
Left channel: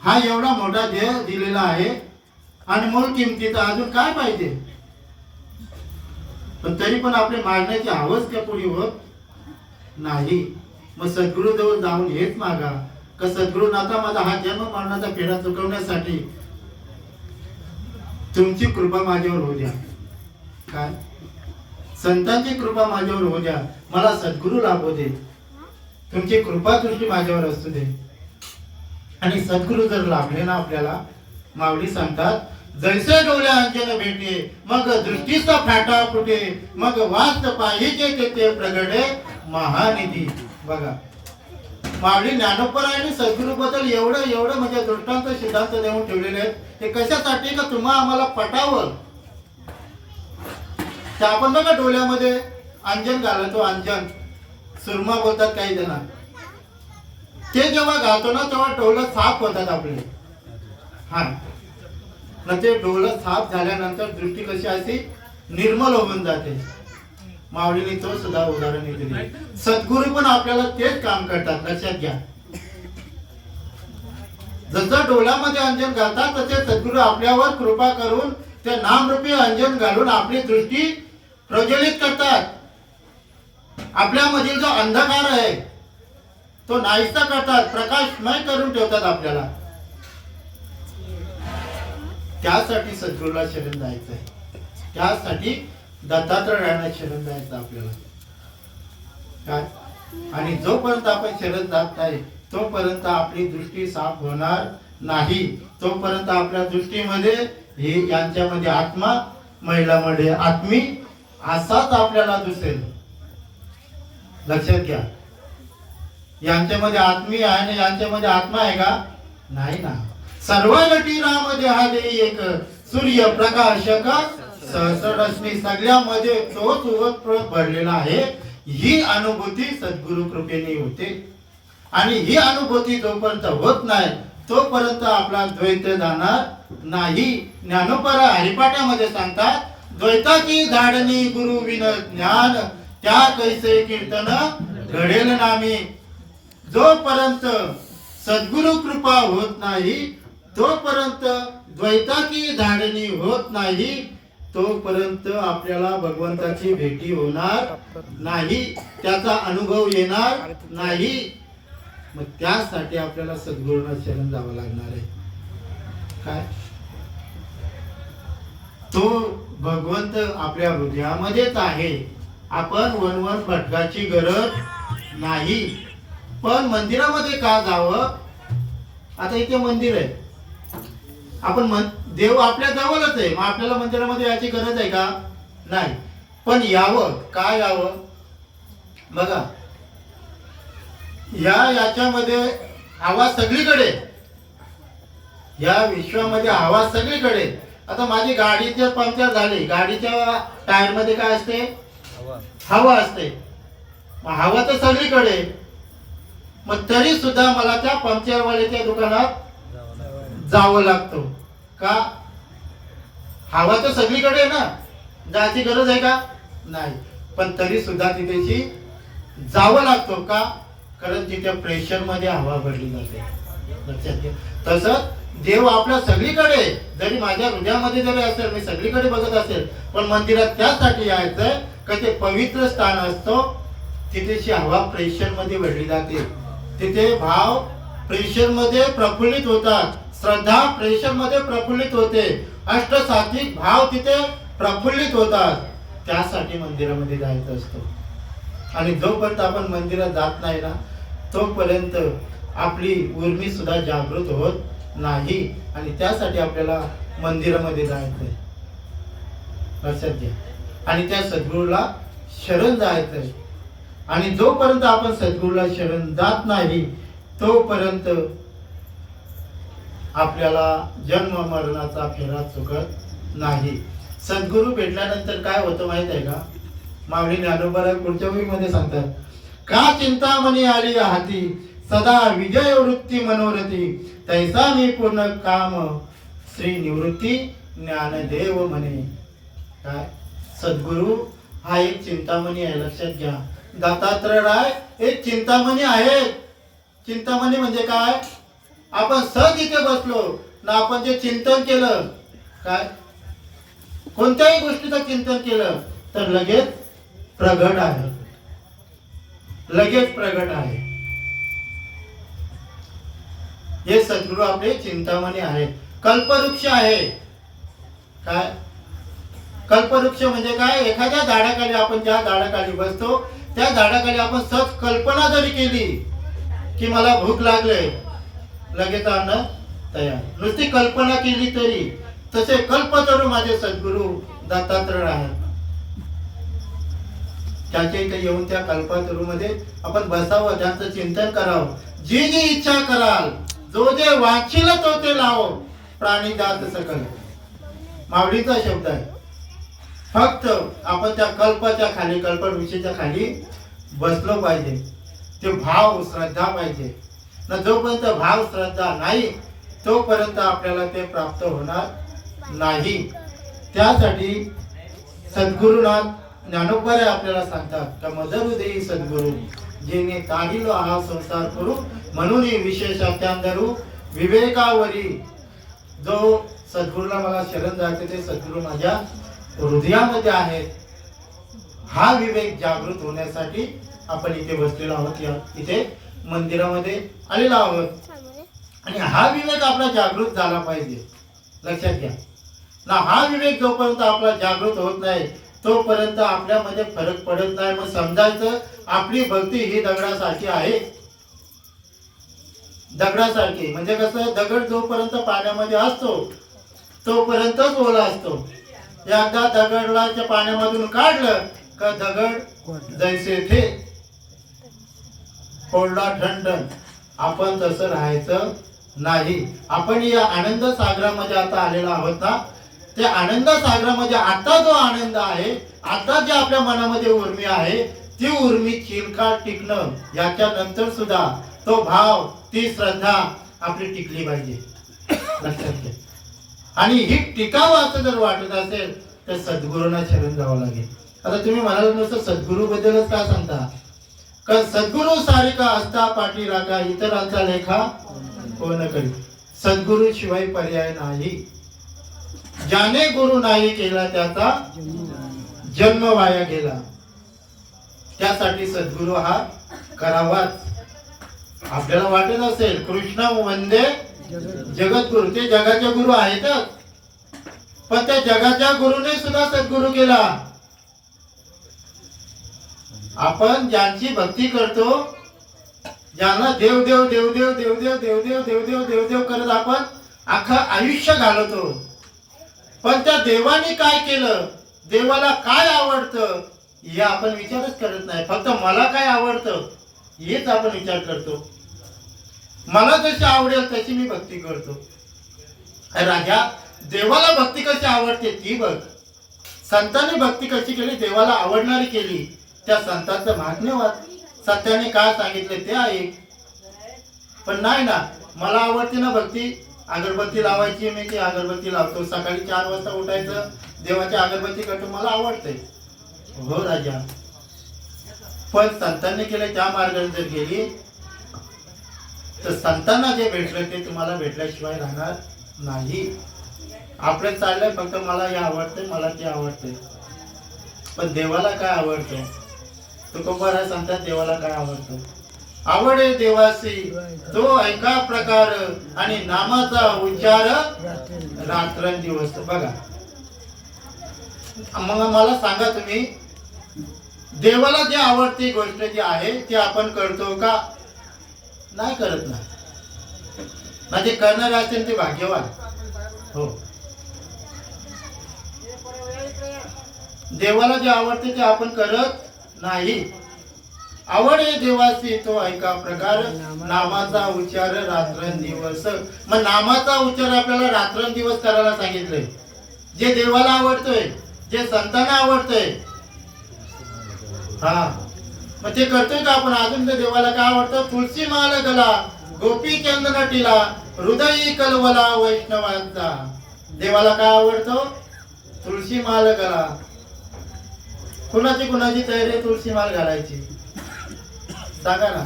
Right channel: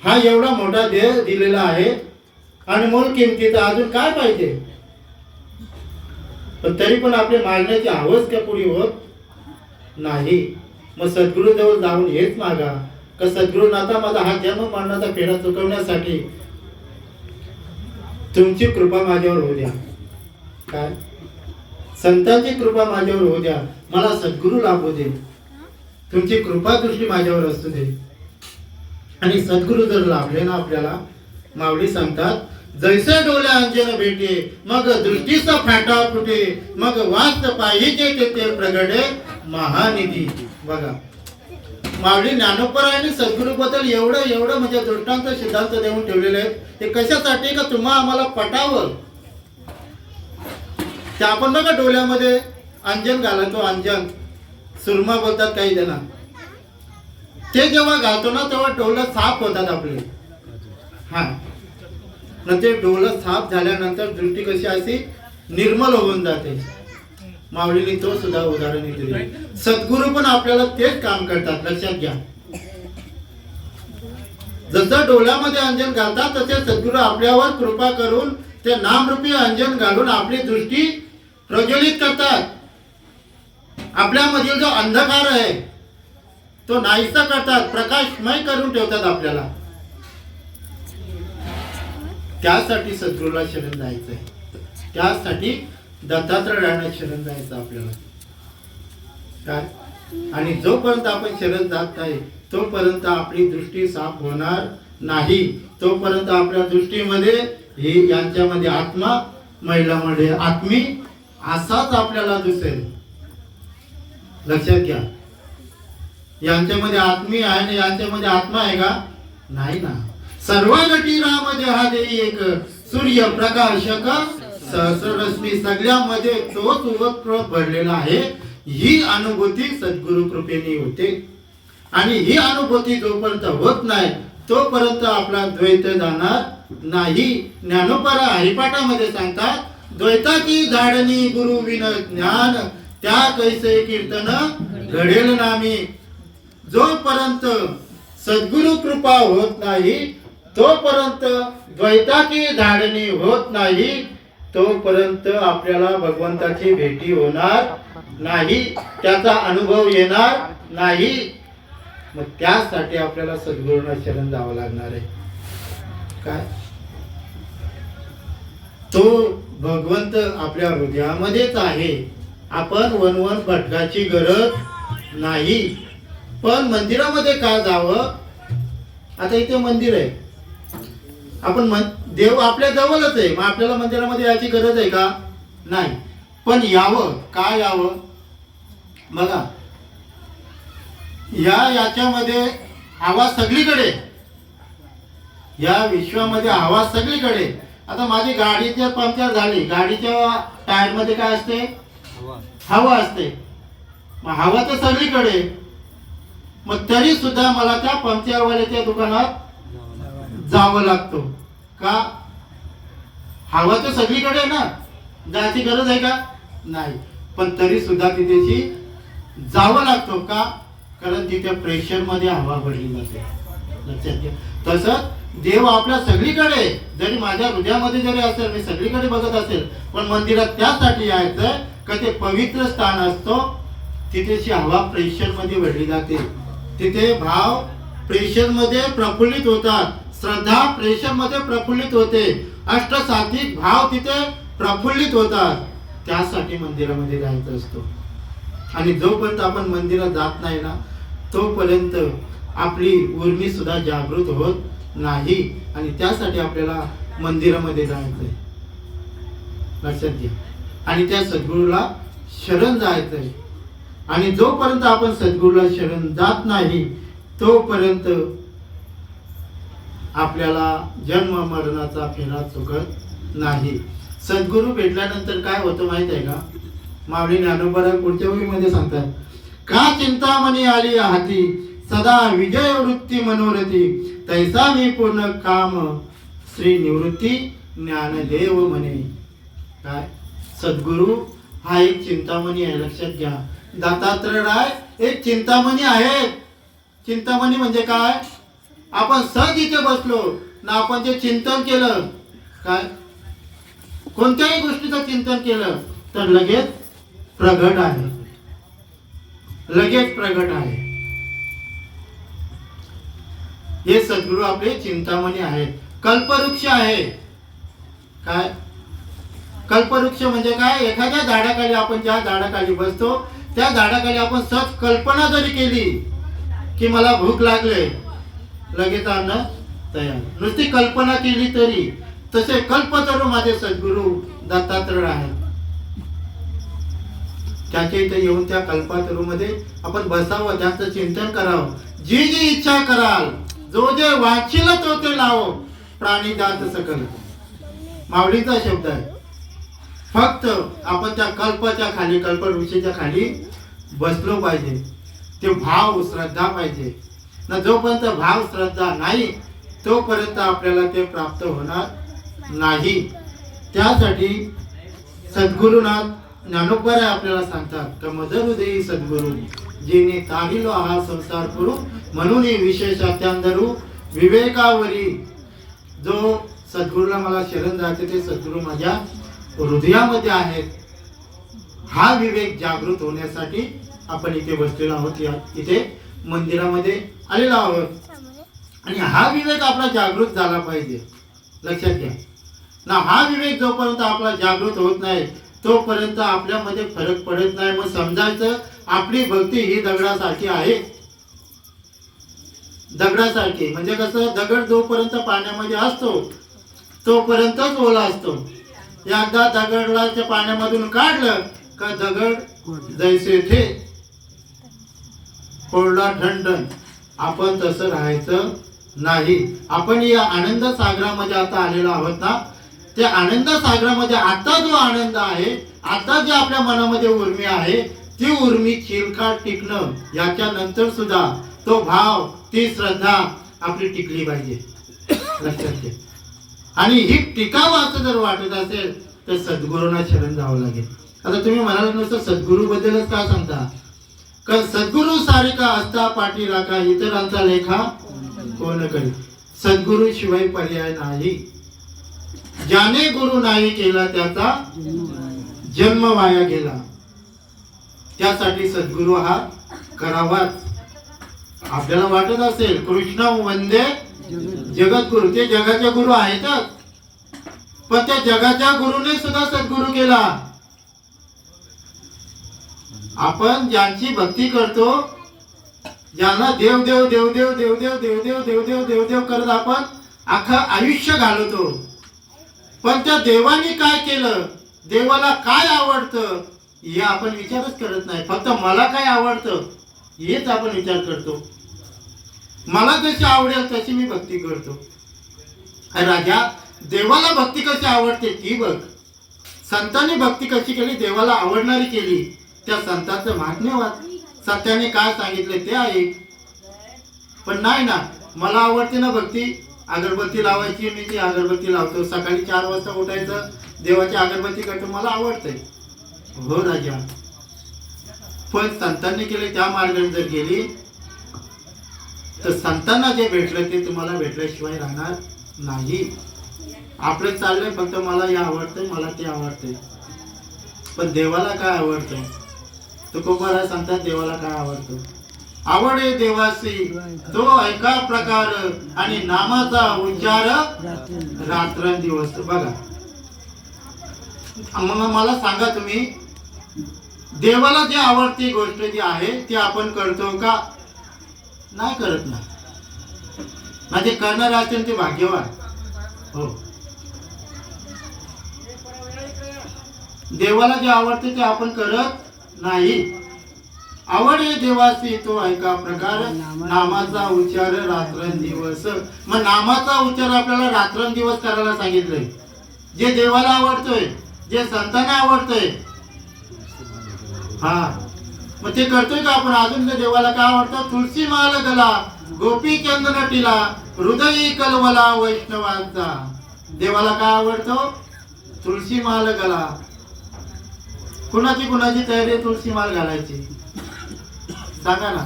हा एवढा मोठा देह दिलेला आहे अनमोल किमतीचा, अजून काय पाहिजे. पण तरी पण आपले मागण्याची हवस का पुरी होत नाही. मग सद्गुरु जवळ जाऊन हेच मागा का सद्गुरुनाथा माझा हा जन्म मरणाचा फेरा चुकवण्यासाठी तुमची कृपा माझ्यावर होऊ द्या. काय संतांची कृपा माझ्यावर होऊ द्या, मला सद्गुरु लाभू दे, तुमची कृपा दृष्टी माझ्यावर असू दे. आणि सद्गुरु जर लाभले ना आपल्याला, माऊली सांगतात जैसे डोल्या अंजन भेटे मग दृष्टीचा फाटा फुटे मग वास्त पाहिजे तेथे प्रगटे महानिधी. बघा माऊली ज्ञानोपरायांनी सद्गुरु बद्दल एवढं म्हणजे दृष्टांत सिद्धांत देऊन ठेवलेले आहेत. ते कशासाठी का तुम्हा आम्हाला पटावं. ते आपण बघा डोळ्यामध्ये अंजन घालतो, अंजन सुरमा बोलतात काही जण. ते जेव्हा घालतो ना तेव्हा डोळं साफ होतात आपले. हा न ते डोळं साफ झाल्यानंतर दृष्टी कशी अशी निर्मल होऊन जाते. माऊलीने तो सुद्धा उदाहरण दिले. सद्गुरु पण आपल्याला तेच काम करतात. लक्षात घ्या. जसं डोळ्यामध्ये अंजन घालतात तसे सद्गुरु आपल्यावर कृपा करून ते नामरूपी अंजन घालून आपली दृष्टी प्रज्वलित करतात. आपल्यामधील जो अंधकार आहे तो नाहीसा करतात, प्रकाशमय करून ठेवतात आपल्याला. त्यासाठी सद्गुरूला शरण जायचं आहे. त्यासाठी दत्तात्रय राहायला शरण जायचं आपल्याला. काय आणि जोपर्यंत आपण शरण जात नाही तोपर्यंत आपली दृष्टी साफ होणार नाही. तोपर्यंत आपल्या दृष्टीमध्ये ही यांच्यामध्ये आत्मा, महिलामध्ये आत्मी असाच आपल्याला दिसेल. लक्षात घ्या. यांच्यामध्ये आत्मी आहे आणि यांच्यामध्ये आत्मा आहे का? नाही ना. सर्व गती राम देहा देई एक सूर्य प्रकाशक सहस्ररश्मी, सगळ्यामध्ये तोच उवत भरलेला आहे. ही अनुभूती सद्गुरु कृपेने होते. आणि ही अनुभूती जोपर्यंत होत नाही तोपर्यंत आपला द्वैत जाणार नाही. ज्ञानोपरा हरिपाठामध्ये सांगतात द्वैताची धाडणी गुरु विन ज्ञान त्या कैसे कीर्तन घडेल नामी. जोपर्यंत सद्गुरु कृपा होत नाही तोपर्यंत द्वैताची धाडणी होत नाही, तोपर्यंत आपल्याला भगवंताची भेटी होणार नाही, त्याचा अनुभव येणार नाही. मग त्यासाठी आपल्याला सद्गुरूंना शरण जावं लागणार आहे. काय तो भगवंत आपल्या हृदयामध्येच आहे. आपण वनवन भटकाची गरज नाही. पण मंदिरामध्ये का जावं? आता इथे मंदिर आहे, आपण देव आपल्या जवळच आहे, मग आपल्याला मंदिरामध्ये यायची गरज आहे का? नाही. पण यावं, काय यावं? बघा याच्यामध्ये हवा सगळीकडे, या विश्वामध्ये हवा सगळीकडे. आता माझी गाडी जर पंक्चर झाली, गाडीच्या टायर मध्ये काय असते? हवा असते. मग हवा तर सगळीकडे, मग तरी सुद्धा मला त्या पंक्चरवाल्याच्या दुकानात जावं लागतो का? हवा तर सगळीकडे ना, जायची गरज आहे का? नाही. पण तरी सुद्धा तिथेची जावं लागतो का? कारण तिथे प्रेशर मध्ये हवा भरली जाते. लक्षात घ्या. तसंच देव आपल्या सगळीकडे, जरी माझ्या हृदयामध्ये जरी असेल, मी सगळीकडे बघत असेल, पण मंदिरात त्यासाठी यायचं का ते पवित्र स्थान असतो. तिथेची हवा प्रेशर मध्ये भरली जाते. तिथे भाव प्रेशर मध्ये प्रफुल्लित होतात, श्रद्धा प्रेषणमध्ये प्रफुल्लित होते, अष्टसात्विक भाव तिथे प्रफुल्लित होतात. त्यासाठी मंदिरामध्ये जायचं असतो. आणि जोपर्यंत आपण मंदिरात जात नाही ना तोपर्यंत आपली उर्मी सुद्धा जागृत होत नाही. आणि त्यासाठी आपल्याला मंदिरामध्ये जायचंय, लक्षात घ्या. आणि त्या सद्गुरूला शरण जायचंय. आणि जोपर्यंत आपण सद्गुरूला शरण जात नाही तोपर्यंत आपल्याला जन्म मरणाचा फेरा चुकत नाही. सद्गुरू भेटल्यानंतर काय होतं माहित आहे का? माऊली ज्ञानोबा पुढच्या ओळीमध्ये सांगतात, का चिंतामणी आली हाती, सदा विजय वृत्ती मनोरथी, तैसा मी पूर्ण काम श्री निवृत्ती ज्ञानदेव म्हणे. काय? सद्गुरू हा एक चिंतामणी आहे, लक्षात घ्या. दत्तात्रय राय एक चिंतामणी आहे. चिंतामणी म्हणजे काय? आपण सहज इथे बसलो ना, आपण जे चिंतन केलं, काय कोणत्याही गोष्टीचं चिंतन केलं तर लगेच प्रगट आहे, लगेच प्रगट आहे. हे सद्गुरू आपले चिंतामणी आहेत. कल्पवृक्ष आहे. काय कल्पवृक्ष म्हणजे काय? एखाद्या झाडाखाली आपण ज्या झाडाखाली बसतो त्या झाडाखाली आपण सहज कल्पना जरी केली की मला भूक लागले, लगेच अन्न तयार. नुसती कल्पना केली तरी. तसे कल्पतरू माझे सद्गुरू दत्तात्रय आहेत. त्याच्या इथे येऊन त्या कल्पतरू मध्ये आपण बसावं, त्याचं चिंतन करावं. जी जी इच्छा कराल, जो जे वाचिल तो ते लावो, प्राणी जात सकल. माऊलीचा शब्द आहे. फक्त आपण त्या कल्पाच्या खाली, कल्पवृक्षाच्या खाली बसलो पाहिजे. ते भाव श्रद्धा पाहिजे ना. जोपर्यंत भाव श्रद्धा नाही तोपर्यंत आपल्याला ते प्राप्त होणार नाही. त्यासाठी सद्गुरुनाथ ज्ञानोबा आपल्याला सांगतात का मदर देई सद्गुरू, जेने तारिलो हा संसार करू, म्हणून विशेष अत्यांदरू विवेकावरी. जो सद्गुरूला मला शरण जाते ते सद्गुरू माझ्या हृदयामध्ये आहेत. हा विवेक जागृत होण्यासाठी आपण इथे बसलेलो आहोत, या इथे मंदिरामध्ये आलेलो आहोत. आणि हा विवेक आपला जागृत झाला पाहिजे, लक्षात घ्या ना. हा विवेक जोपर्यंत आपला जागृत होत नाही तोपर्यंत आपल्यामध्ये फरक पडत नाही. मग समजायचं आपली भक्ती ही दगडासारखी आहे. दगडासारखी म्हणजे कसं? दगड जोपर्यंत पाण्यामध्ये असतो तोपर्यंतच ओला असतो. एकदा दगडला त्या पाण्यामधून काढलं का दगड जैसे थे कोरडा ठणठण. आपण तसं राहायचं नाही. आपण या आनंद सागरामध्ये आता आलेलो आहोत ना, त्या आनंद सागरामध्ये आता जो आनंद आहे, आता जे आपल्या मनामध्ये उर्मी आहे, ती उर्मी चिरकाळ टिकणं, याच्या नंतर सुद्धा तो भाव, ती श्रद्धा आपली टिकली पाहिजे, लक्षात घ्या. आणि ही टिकावं असं जर वाटत असेल तर सद्गुरूंना शरण जावं लागेल. आता तुम्ही म्हणाल नुसतं सद्गुरू बद्दलच का सांगता? कारण सद्गुरू सारिका असता पाठी राखा, इतरांचा लेखा कोण करी. सद्गुरू शिवाय पर्याय नाही. ज्याने गुरु नाही केला त्याचा जन्म वाया गेला. त्यासाठी सद्गुरू हा करावाच. आपल्याला वाटत असेल कृष्ण वंदे जगद्गुरु, ते जगाचे गुरु आहेतच, पण त्या जगाच्या गुरुने सुद्धा सद्गुरू केला. आपण ज्यांची भक्ती करतो, ज्यांना देव देव देव देव देव देव देव देव देव देव देव देव करत आपण अख्खं आयुष्य घालवतो, पण त्या देवाने काय केलं, देवाला काय आवडतं हे आपण विचारच करत नाही. फक्त मला काय आवडतं हेच आपण विचार करतो. मला जशी आवडेल तशी मी भक्ती करतो. राजा, देवाला भक्ती कशी आवडते ती बघ. संतांनी भक्ती कशी केली, देवाला आवडणारी केली. त्या संतांचं महात्म्य वाच. सत्याने काय सांगितले ते ऐक. पण नाही ना, मला आवडते ना भक्ती, अगरबत्ती लावायची, मी ती अगरबत्ती लावतो. सकाळी 4 वाजता उठायचं, देवाची अगरबत्ती करतो, मला आवडते. हो राजा, पण संतांनी केले त्या मार्गाने जर गेली तर संतांना जे भेटलं ते तुम्हाला भेटल्याशिवाय राहणार नाही. आपलं चाललंय फक्त मला हे आवडते, मला ते आवडते, पण देवाला काय आवडतं? तुकोबारा सांगतात देवाला काय आवडतं. आवडे देवासी तो ऐका प्रकार आणि नामाचा उच्चार रात्रंदिवस. बघा मग मला सांगा तुम्ही, देवाला जी आवडती गोष्ट जी आहे ती आपण करतो का? नाही करत ना. म्हणजे करणारे असेल ते भाग्यवान. हो, देवाला जे आवडते ते आपण करत नाही. आवडे देवासी तो ऐका प्रकार नामाचा उच्चार रात्रंदिवस. मग नामाचा उच्चार आपल्याला रात्रंदिवस करायला सांगितलंय. जे देवाला आवडतोय, जे संतांना आवडतोय, हा मग ते करतोय का आपण? अजून ते देवाला काय आवडतो? तुळशी माल गला गोपी चंदन टिला हृदयी कलवला वैष्णवांचा. देवाला काय आवडतो? तुळशी माल गला. कुणाची तयारी तुळशी माल घालायची? सांगा ना.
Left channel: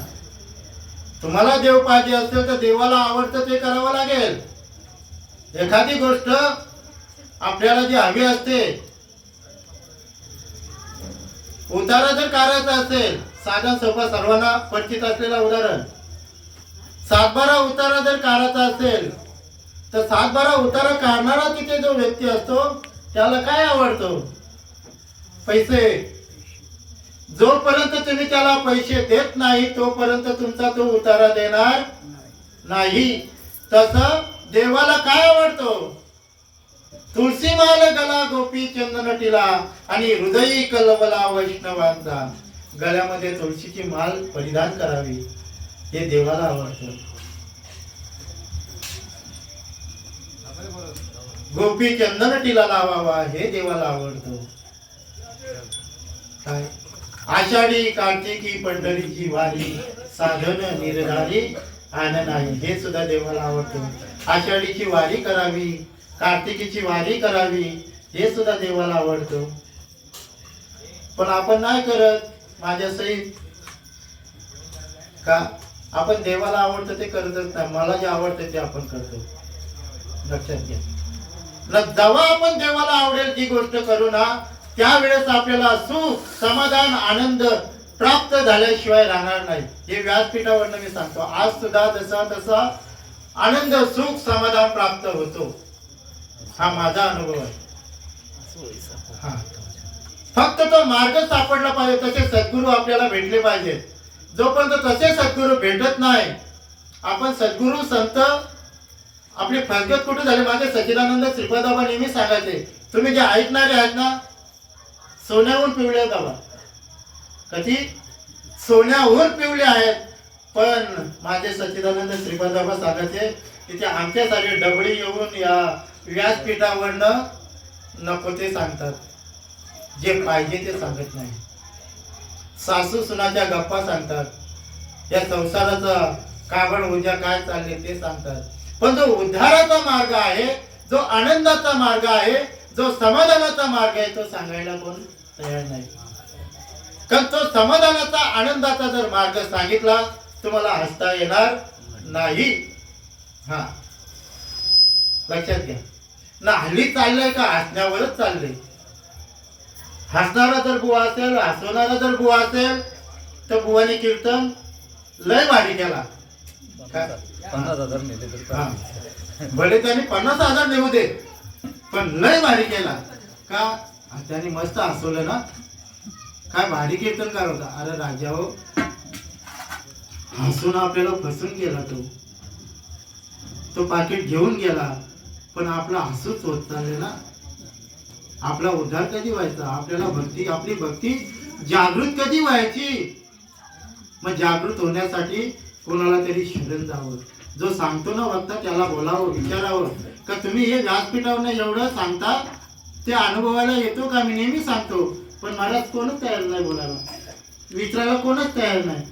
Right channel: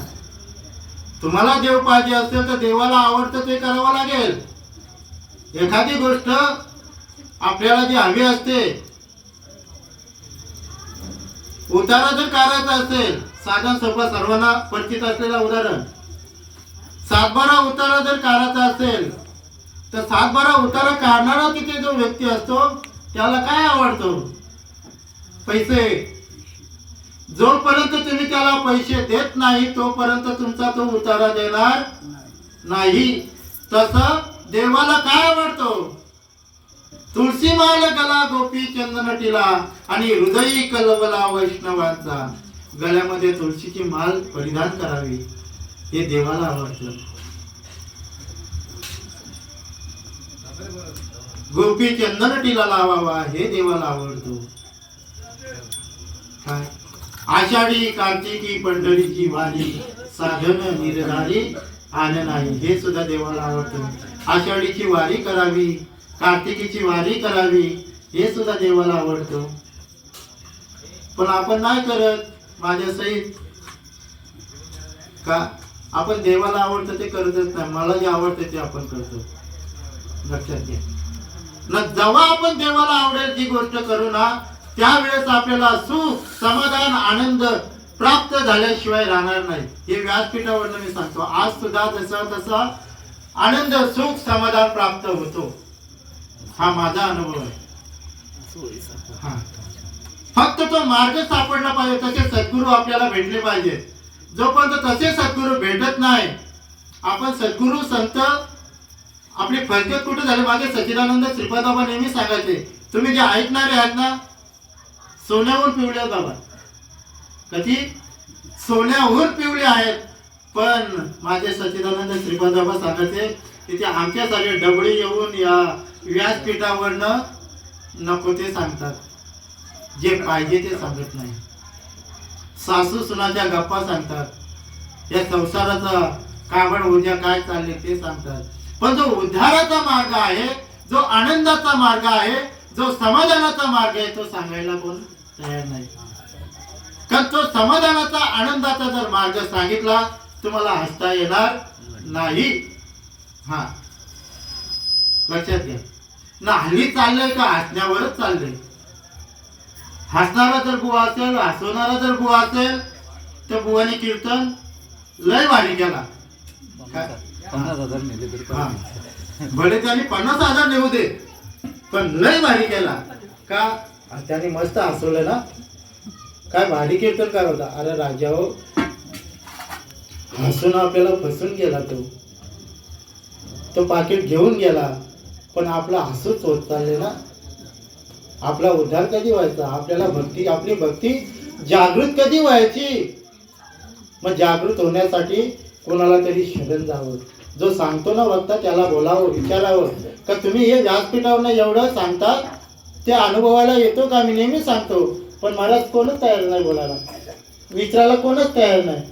तुम्हाला देव पाहिजे असेल तर देवाला आवडतं ते करावं लागेल. एखादी गोष्ट आपल्याला जी हवी असते, उतारा जर करायचा असेल, साधन सोपा सर्वांना परिचित असलेला उदाहरण, 7-12 उतारा जर काढायचा असेल तर 7-12 उतारा काढणारा तिथे जो व्यक्ती असतो त्याला काय आवडतो? पैसे. जोपर्यंत तुम्ही त्याला पैसे देत नाही तोपर्यंत तुमचा तो उतारा देणार नाही. तसं देवाला काय आवडतो? तुळशी माल गला गोपी चंदन टिला आणि हृदयी कलवला वैष्णवांचा. गळ्यामध्ये तुळशीची माल परिधान करावी हे देवाला आवडतं. गोपी चंदन टिला लावावा हे देवाला आवडतो. काय? आषाढी कार्तिकी पंढरीची वारी साधन निर्धारी आन नाही हे सुद्धा देवाला आवडतो. आषाढीची वारी करावी, कार्तिकीची वारी करावी हे सुद्धा देवाला आवडतो. पण आपण नाही करत माझ्या सहित का? आपण देवाला आवडतं ते करतच नाही. मला जे आवडतं ते आपण करतो. लक्षात घ्या ना. जेव्हा आपण देवाला आवडेल ती गोष्ट करू ना त्यावेळेस आपल्याला सुख, समाधान, आनंद प्राप्त झाल्याशिवाय राहणार नाही. हे व्यासपीठावरनं मी सांगतो. आज सुद्धा जसा तसा आनंद, सुख, समाधान प्राप्त होतो. हा माझा अनुभव आहे. हा फक्त तो मार्ग सापडला पाहिजे. तसे सद्गुरू आपल्याला भेटले पाहिजे. जोपर्यंत तसे सद्गुरू भेटत नाही, आपण सद्गुरू संत आपली फरकत कुठे झाली? माझे सच्चिदानंद श्रीपाद बाबा नेहमी सांगायचे, तुम्ही जे ऐकणारे आहात ना सोन्याहून पिवळे आहेत बाबा. कधी? सोन्याहून पिवळे आहेत. पण माझे सच्चिदानंद श्रीपाद बाबा सांगायचे तिथे आमच्यासाठी डबडी येऊन या व्यासपीठावरनं नको ते सांगतात, जे पाहिजे ते सांगत नाही. सासू सुनाच्या गप्पा सांगतात, या संसाराचा काबड उद्या काय चालले ते सांगतात. पण जो उद्धाराचा मार्ग आहे, जो आनंदाचा मार्ग आहे, जो समाधानाचा मार्ग आहे तो सांगायला कोण तयार नाही. कारण तो समाधानाचा, आनंदाचा जर मार्ग सांगितला तुम्हाला हसता येणार नाही. हा लक्षात घ्या ना. हल्ली चाललंय का हसण्यावरच चाललंय. हसणारा जर बुवा असेल, हसवणारा जर बुवा असेल तर बुवाने कीर्तन लय भारी केला. 50,000 नेले तरी बरे त्याने 50,000 नेऊ दे पण लय भारी केला का? त्याने मस्त हसवलं ना. काय भारी कीर्तन काय होता. अरे राजा हो, हसून आपल्याला फसून गेला. तो पाकिट घेऊन गेला पण आपला हसूच होत चालले ना. आपला उद्धार कधी व्हायचा? आपल्याला भक्ती, आपली भक्ती जागृत कधी व्हायची? मग जागृत होण्यासाठी कोणाला तरी शरण जावं. जो सांगतो ना वक्ता त्याला बोलावं, विचारावं का तुम्ही हे व्यासपीठावर एवढं सांगता ते अनुभवाला येतो का? मी नेहमी सांगतो पण महाराज कोणच तयार नाही बोलायला, विचारायला कोणच तयार नाही.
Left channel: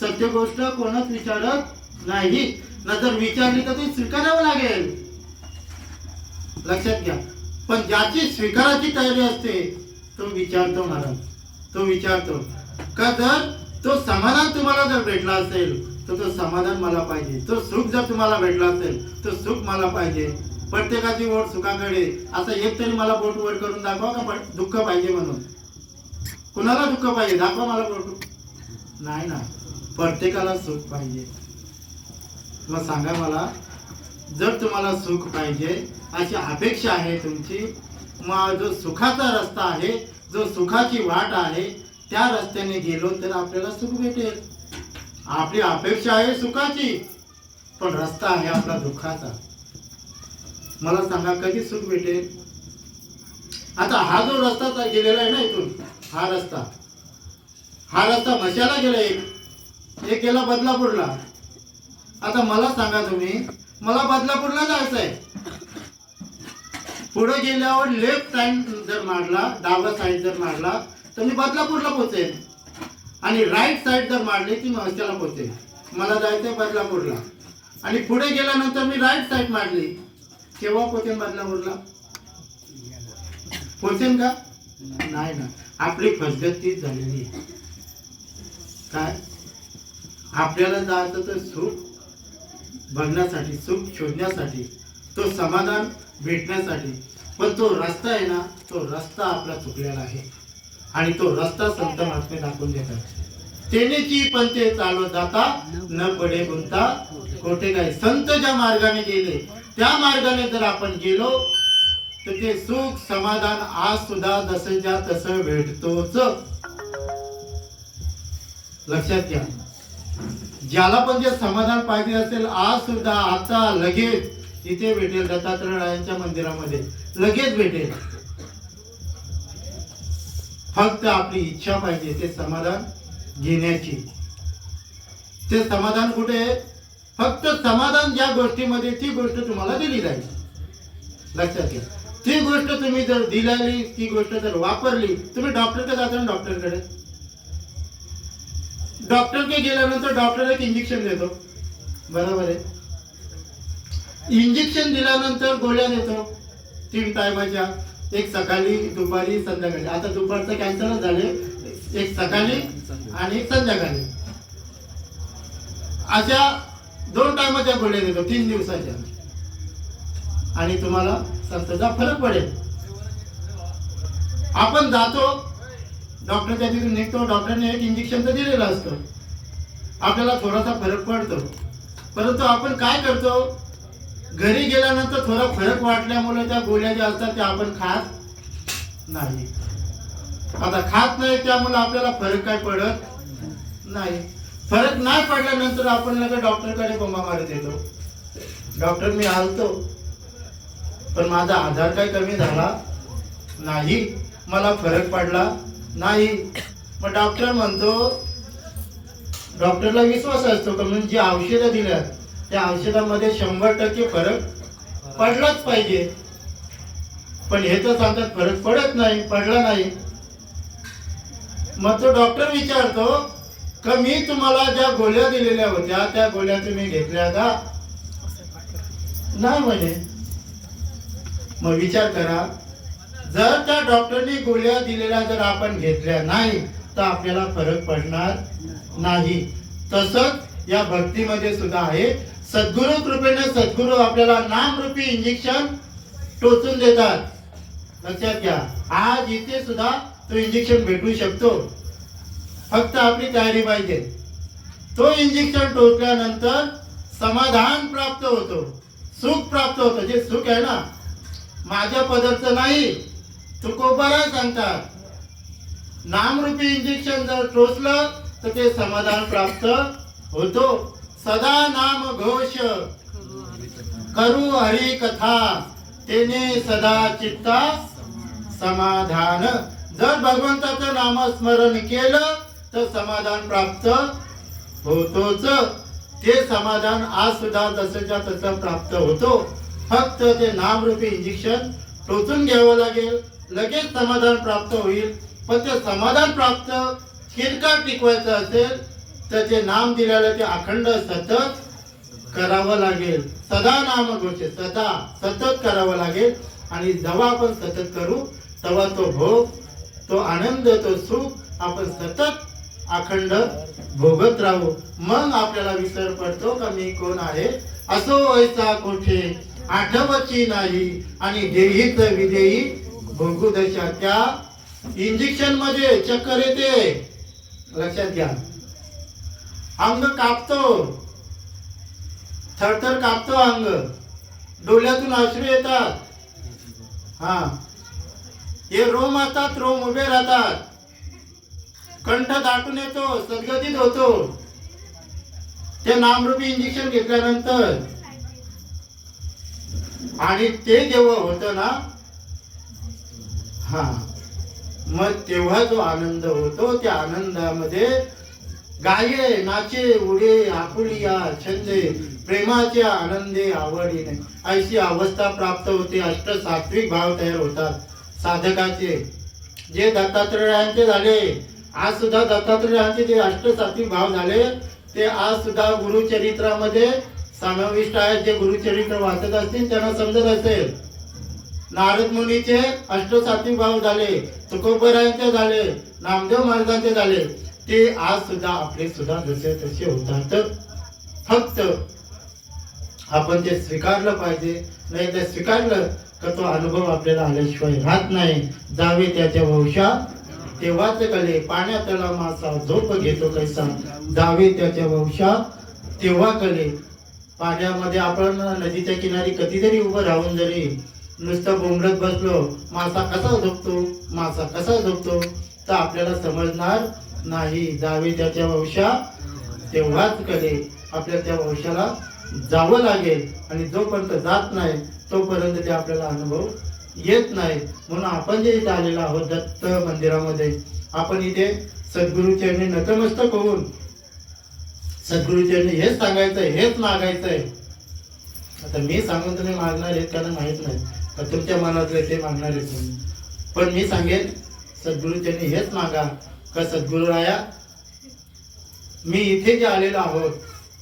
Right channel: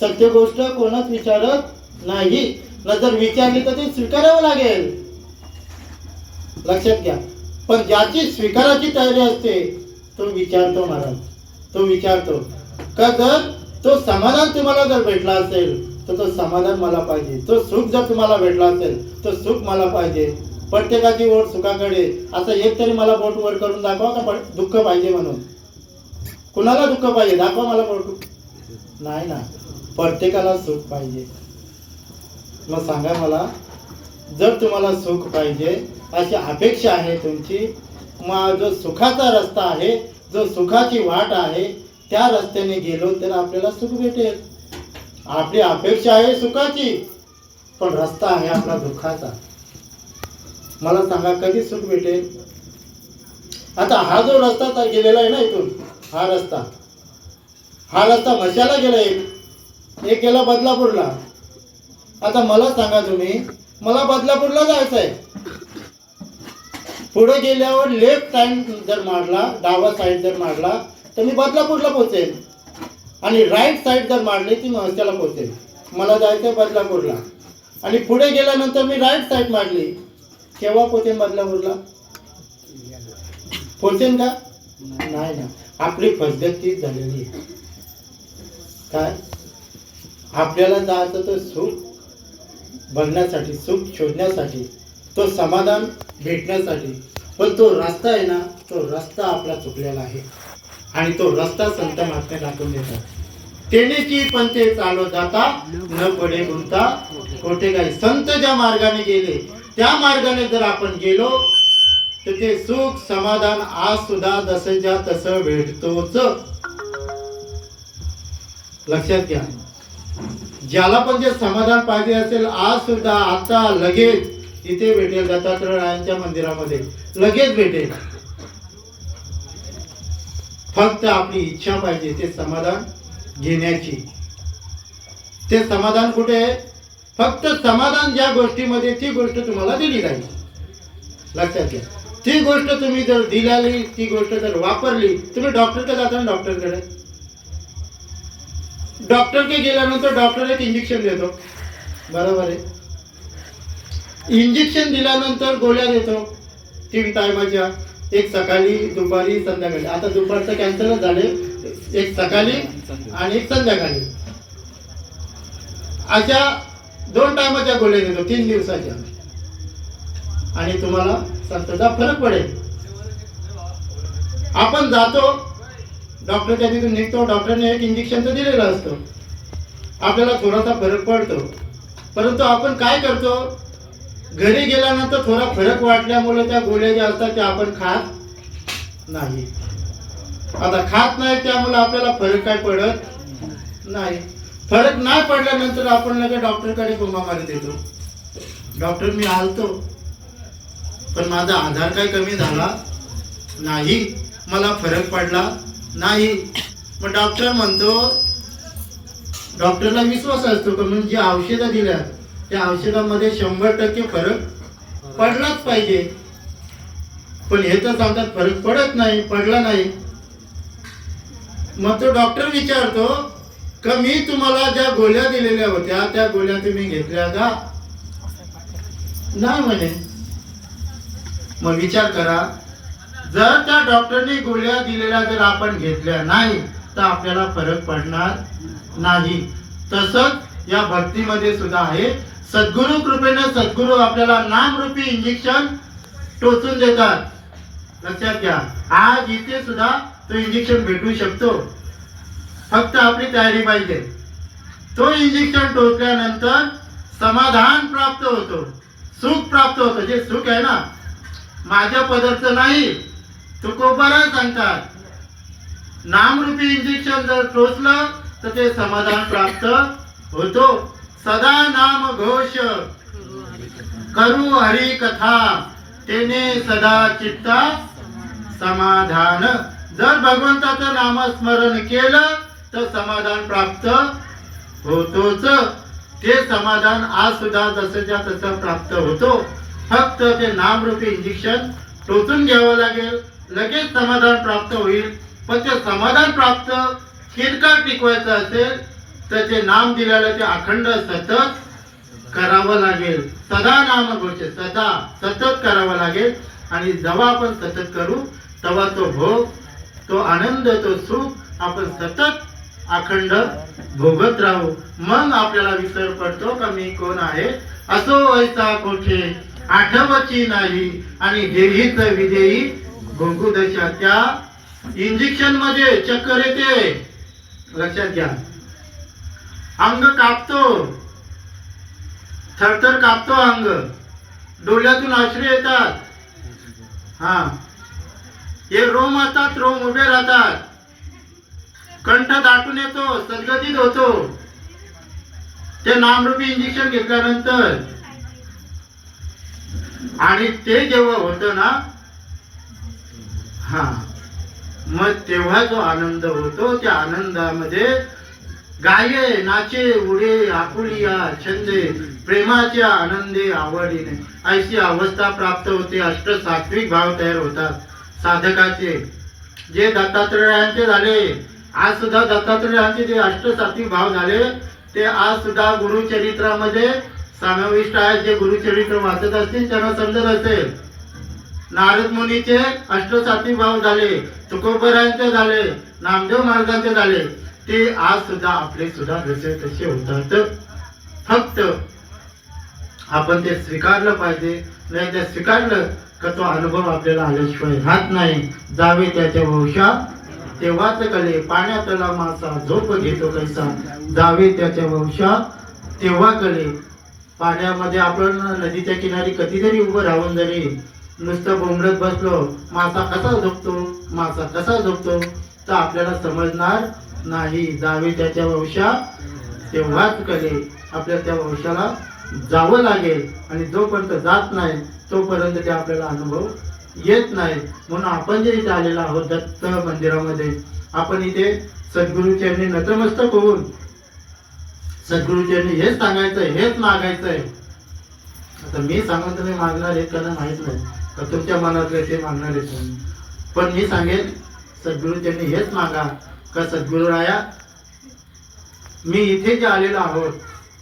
सत्य गोष्ट कोणच विचारत नाही. न जर विचारली तर ती स्वीकारावं लागेल. लक्षात घ्या. पण ज्याची स्वीकाराची तयारी असते तो विचारतो महाराज. तो विचारतो का जर तो समाधान तुम्हाला जर भेटला असेल तर तो समाधान मला पाहिजे. तो सुख जर तुम्हाला भेटला असेल तर सुख मला पाहिजे. प्रत्येकाची ओढ सुखाकडे. असं एक तरी मला बोट वर करून दाखवा का दुःख पाहिजे म्हणून. कुणाला दुःख पाहिजे? दाखवा मला बोट. नाही ना. प्रत्येकाला सुख पाहिजे. मग सांगा मला, जर तुम्हाला सुख पाहिजे अशी अपेक्षा आहे तुमची, मग जो सुखाचा रस्ता आहे, जो सुखाची वाट आहे, त्या रस्त्याने गेलो तर आपल्याला सुख भेटेल. आपली अपेक्षा आहे सुखाची, पण रस्ता आहे आपला दुःखाचा. मला सांगा कधी सुख भेटेल? आता हा जो रस्ता गेलेला आहे ना इथून, हा रस्ता मशाला गेला, एक गेला बदलापूरला. आता मला सांगा तुम्ही, मला बदलापूरला जायचं आहे. पुढे गेल्यावर लेफ्ट साइड जर मारला, डावा साइड जर मारला तर मी बदलापूरला पोहोचेल, आणि राईट साइड जर मारली ती मशाला पोहोचेल. मला जायचं आहे बदलापूरला, आणि पुढे गेल्यानंतर मी राईट साइड मारली, केव्हा पोहोचेन बदलापूरला? पोहोचेन का? नाही ना. आपली पद्धत तीच झालेली आहे. काय आपल्याला जायचं तर सुख बघण्यासाठी, सुख शोधण्यासाठी, तो समाधान भेटण्यासाठी, पण तो रस्ता आहे ना, तो रस्ता आपला चुकलेला आहे. आणि तो रस्ता संत महात्मे दाखवून देतात. तेनेची पण ते चालत जाता, न पडे गुंता कोठे काय. संत ज्या मार्गाने गेले त्या मार्गाने जर आपण गेलो तर ते सुख समाधान आज सुद्धा जसंच्या तसं भेटतोच. लक्षात घ्या, ज्याला पण जे समाधान पाहिजे असेल आज सुद्धा, आता लगेच इथे भेटेल. दत्तात्रय रायांच्या मंदिरामध्ये लगेच भेटेल. फक्त आपली इच्छा पाहिजे ते समाधान घेण्याची. ते समाधान कुठे आहे? फक्त समाधान ज्या गोष्टीमध्ये, ती गोष्ट तुम्हाला दिली जाईल. लक्षात घ्या, ती गोष्ट तुम्ही जर दिली, ती गोष्ट जर वापरली, तुम्ही डॉक्टरकडे जाता ना, डॉक्टरकडे गेल्यानंतर डॉक्टर एक इंजेक्शन देतो, बरोबर आहे. इंजेक्शन दिल्यानंतर गोळ्या देतो 3 टायमाच्या, एक सकाळी, दुपारी, संध्याकाळी. आता दुपारचं कॅन्सलच झाले, एक सकाळी आणि एक संध्याकाळी, अशा 2 टायमाच्या गोळ्या देतो 3 दिवसाच्या. आणि तुम्हाला संस्थेचा फरक पडेल. आपण जातो डॉक्टरच्या तिथून निघतो, डॉक्टरने एक इंजेक्शन तर दिलेलं असतं, आपल्याला थोडासा फरक पडतो. परंतु आपण काय करतो, घरी गेल्यानंतर थोडा फरक वाटल्यामुळे त्या गोळ्या ज्या असतात त्या आपण खात नाही. आता खात नाही, त्यामुळे आपल्याला फरक काय पडत नाही. फरक नाही पडल्यानंतर आपण लगेच डॉक्टरकडे बोंबा मारत येतो. डॉक्टर मी आलतो, पण माझा आधार काय कमी झाला नाही, मला फरक पडला नाही. मग डॉक्टर म्हणतो, डॉक्टरला विश्वास असतो का मी जी औषधं दिल्या त्या औषधामध्ये 100% फरक पडलाच पाहिजे. पण हे तर सांगतात फरक पडत नाही, पडला नाही. मग तो डॉक्टर विचारतो का मी तुम्हाला ज्या गोळ्या दिलेल्या होत्या त्या गोळ्या तुम्ही घेतल्या का? नाही म्हणे. मग विचार करा, जर त्या डॉक्टरने गोळ्या दिलेल्या जर आपण घेतल्या नाही तर आपल्याला फरक पडणार नाही. तसंच या भक्तीमध्ये सुद्धा आहे. सद्गुरु कृपेने सद्गुरु आपल्याला नामरूपी इंजेक्शन टोचून देतात. लक्षात घ्या, आज इथे सुद्धा तो इंजेक्शन भेटू शकतो, फक्त आपली तयारी पाहिजे. तो इंजेक्शन टोचल्यानंतर समाधान प्राप्त होतो, सुख प्राप्त होतं. जे सुख आहे ना, माझ्या पदरचं नाही, तुकोबारा सांगतात. नामरूपी इंजेक्शन जर टोचलं तर ते समाधान प्राप्त होतो. सदा नाम घोष करू हरी कथा, तेने सदा चित्ता समाधान. जर भगवंताचं नामस्मरण केलं तर समाधान प्राप्त होतोच. ते समाधान आज सुद्धा जसंच्या तसं प्राप्त होतो. फक्त ते नामरूपी इंजेक्शन टोचून घ्यावं लागेल, लगेच समाधान प्राप्त होईल. पण ते समाधान प्राप्त किरकाळ टिकवायचं असेल तर ते नाम दिलेलं ते अखंड सतत करावं लागेल. सदा नाम घोष, सदा सतत करावं लागेल. आणि जेव्हा आपण सतत करू तेव्हा तो भोग, तो आनंद, तो सुख आपण सतत अखंड भोगत राहू. मग आपल्याला विसर पडतो का मी कोण आहे. असो ऐसा कोठे आठवची नाही, आणि देहीच विदेही भोगू दशा. त्या इंजेक्शन मध्ये चक्कर येते, लक्षात घ्या. अंग कापतो, थरथर कापतो अंग, डोळ्यातून अश्रू येतात. हा, हे रोम असतात, रोम उभे राहतात, कंठ दाटून येतो, सदगदित होतो. ते नामरूपी इंजेक्शन घेतल्यानंतर. आणि ते जेव्हा होतं ना, हा, मग तेव्हा जो आनंद होतो, त्या आनंदामध्ये गाये नाचे उडे आपुलिया छंदे प्रेमाच्या आनंदे आवडीने अशी अवस्था प्राप्त होते. अष्ट सात्विक भाव तयार होतात साधकाचे, जे दत्तात्रेयांचे झाले. आज सुद्धा दत्तात्रेयांचे जे अष्ट सात्विक भाव झाले ते आज सुद्धा गुरुचरित्रामध्ये समाविष्ट आहेत. जे गुरुचरित्र वाचत असतील त्यांना समजत असेल. नारद मुनीचे अष्ट सात्विक भाव झाले, तुकोबरायांचे झाले, नामदेव महाराजांचे झाले. ते आज सुद्धा आपले सुद्धा जसे तसे होतात. फक्त आपण ते स्वीकारलं पाहिजे. नाही ते स्वीकारलं का तो अनुभव आपल्याला आल्याशिवाय राहत नाही. जावे त्याच्या वंशा तेव्हाच कळे, पाण्यातला मासा झोप घेतो कैसा. जावे त्याच्या वंशा तेव्हा कळे. पाण्यामध्ये आपण नदीच्या किनारी कधीतरी उभं राहून जरी नुसतं बोंबलत बसलो, मासा कसा झोपतो, मासा कसा झोपतो, तर आपल्याला समजणार नाही. जावे त्याच्या वंशा तेव्हाच कळे. आपल्या त्या वंशाला जावं लागेल. आणि जोपर्यंत जात नाही तोपर्यंत ते आपल्याला अनुभव येत नाही. म्हणून आपण जे इथे आलेलो आहोत दत्त मंदिरामध्ये, आपण इथे सद्गुरूचरणी नतमस्तक होऊन सद्गुरूचरणी हेच सांगायचंय, हेच मागायचंय. आता मी सांगून तुम्ही मागणार आहेत त्यांना माहित नाही तर तुमच्या मनातले ते मागणार आहेत नाही. पण मी सांगेन सद्गुरूचरणी हेच मागा का सद्गुरुराया, मी इथे जे आलेलो आहोत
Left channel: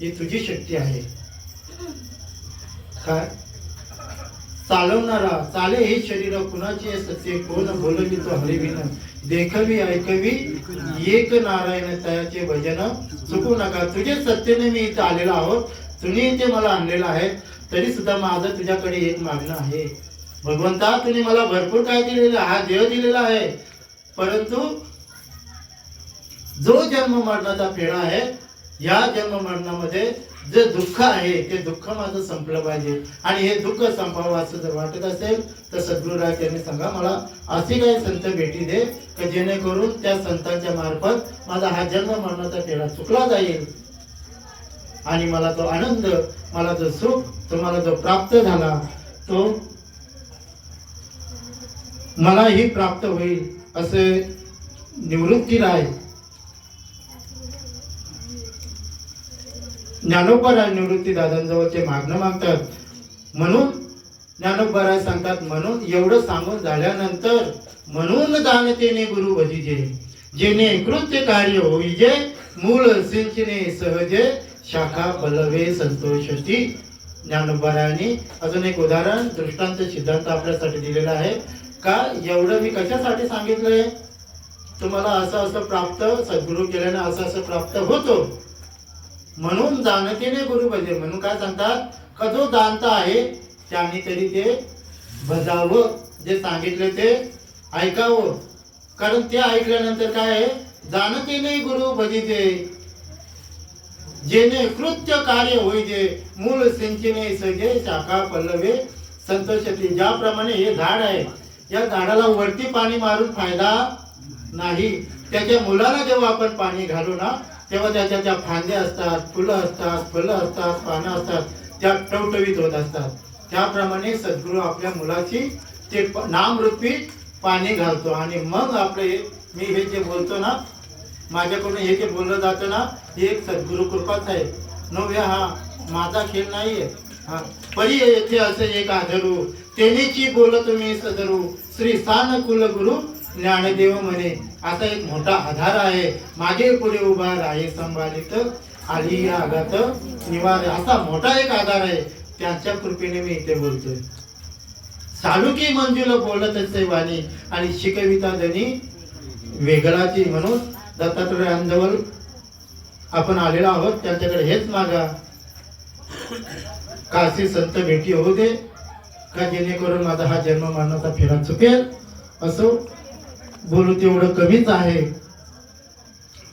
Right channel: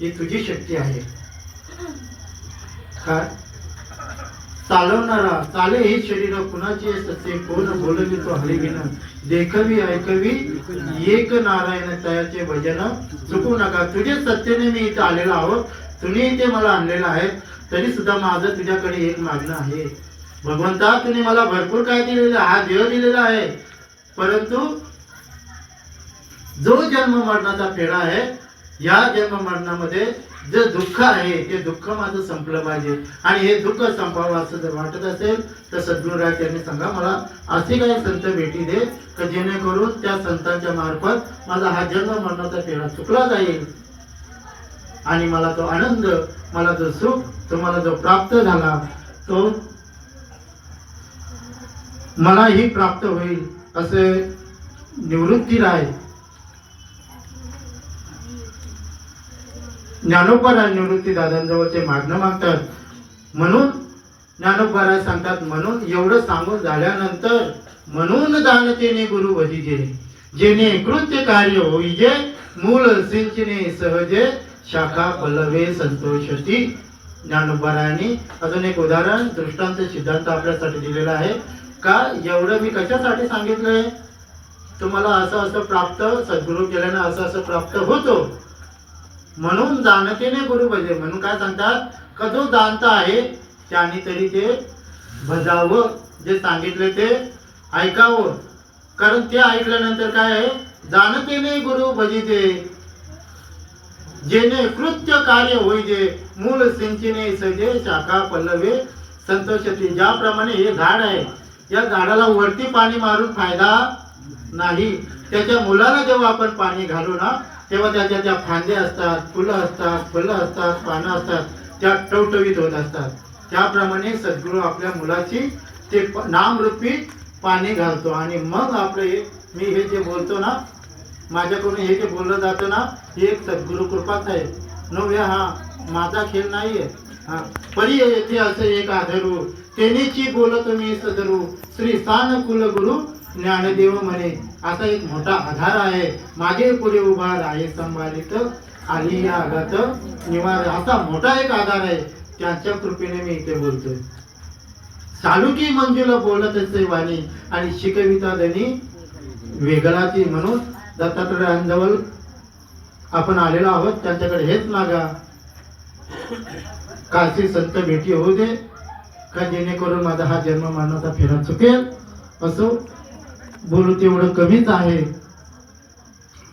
ही तुझी शक्ती आहे. काय चालवणारा चाले हे शरीर कुणाचे सत्य, कोण बोलवी तो हरिविन, देखवी ऐकवी एक नारायण तयाचे भजन चुकू नका. तुझे सत्तेने मी इथे आलेलो आहोत, तुम्ही इथे मला आणलेलं आहे. तरी सुद्धा माझं तुझ्याकडे एक मागणं आहे. भगवंता, तुम्ही मला भरपूर काय दिलेलं, हा देव दिलेला आहे, परंतु जो जन्म मरणाचा फेरा आहे, या जन्म मरणामध्ये जे दुःख आहे ते दुःख माझं संपलं पाहिजे. आणि हे दुःख संपावं असं जर वाटत असेल तर सद्गुरुराज यांनी सांगा, मला असे काही संत भेटी दे की जेणेकरून त्या संतांच्या मार्फत माझा हा जन्म मरणाचा फेरा चुकला जाईल. आणि मला तो आनंद, मला जो सुख तुम्हाला जो प्राप्त झाला तो मलाही प्राप्त होईल. असे निवृत्तीराय ज्ञानोबराय निवृत्ती दादांजवळ ते मागणं मागतात. म्हणून ज्ञानोबराय सांगतात, म्हणून एवढं सांगून झाल्यानंतर म्हणून जाणतेने गुरु भजिजे, जेणे कृत्य कार्य होईजे, मूल सिंचने सहजे, शाखा पलवे संतोषती. ज्ञानोबरायांनी अजून एक उदाहरण दृष्टांत सिद्धांत आपल्यासाठी दिलेला आहे. का एवढं मी कशासाठी सांगितलंय, तुम्हाला असं असं प्राप्त, सद्गुरू केल्याने असं असं प्राप्त होतो. म्हणून जाणतेने गुरु भजे, म्हणून काय सांगतात का जो जाणता आहे त्याने तरी ते भजावं, जे सांगितले ते ऐकावं. कारण ते ऐकल्यानंतर काय आहे, जाणतेने गुरु भजिते, जेणे कृत्य कार्य होईजे, मूल सिंचने सजे, शाखा पल्लवे संतोषती. ज्याप्रमाणे हे झाड आहे, या झाडाला वरती पाणी मारून फायदा नाही. त्याच्या मुलाला जेव्हा आपण पाणी घालू ना, तेव्हा त्याच्या त्या फांद्या असतात, फुलं असतात, फळं असतात, पानं असतात, त्या टवटवीत होत असतात. त्याप्रमाणे सद्गुरू आपल्या मुलाची ते नामरूपी पाणी घालतो. आणि मग आपले मी हे जे बोलतो ना, माझ्याकडून हे जे बोललं जातं ना, ही एक सद्गुरू कृपाच आहे. नव्हे, हा माझा खेळ नाहीये. हा परी येथे असे एक आधरू, तेनेची बोलतो मी सदरू, श्री सान कुल गुरु ज्ञानदेव म्हणे. असा एक मोठा आधार आहे, माझे पुढे उभा आहे संभालित, आली आघात निवार. असा मोठा एक आधार आहे, त्याच्या कृपेने मी इथे बोलतोय. चालुकी मंजुल बोलत असे वाणी, आणि शिकविता धनी वेगळाची. म्हणून दत्तात्रेयांजवळ आपण आलेलो आहोत, त्यांच्याकडे हेच मागा, काशी संत भेटी होऊ दे, का जेणेकरून माझा हा जन्म मरणाचा फेरा चुकेल. असो बोलू तेवढं कमीच आहे.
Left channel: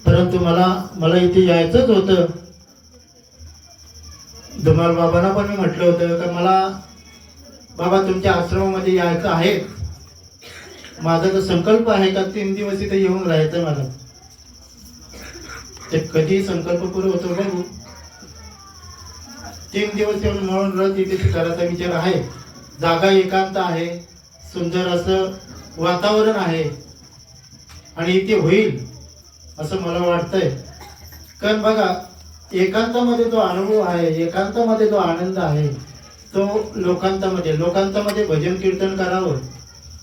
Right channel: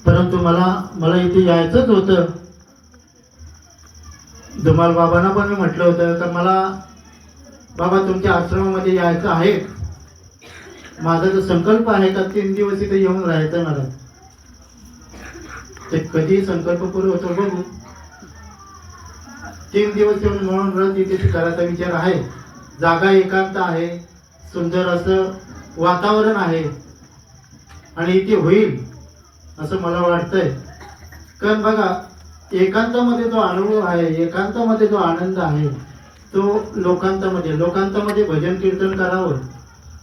परंतु मला इथे यायचंच होतं. धुमाल बाबांना पण मी म्हटलं होतं का मला बाबा तुमच्या आश्रमामध्ये यायचं आहे. माझा तर संकल्प आहे का 3 दिवस इथे येऊन राहायचं मला. ते कधी संकल्प पूर्ण होतो बघू. 3 दिवस येऊन म्हणून रथ इथे करायचा विचार आहे. जागा एकांत आहे, सुंदर असं वातावरण आहे आणि इथे होईल असं मला वाटतंय. कारण बघा एकांतामध्ये जो अनुभव आहे, एकांतामध्ये जो आनंद आहे तो लोकांतामध्ये भजन कीर्तन करावं.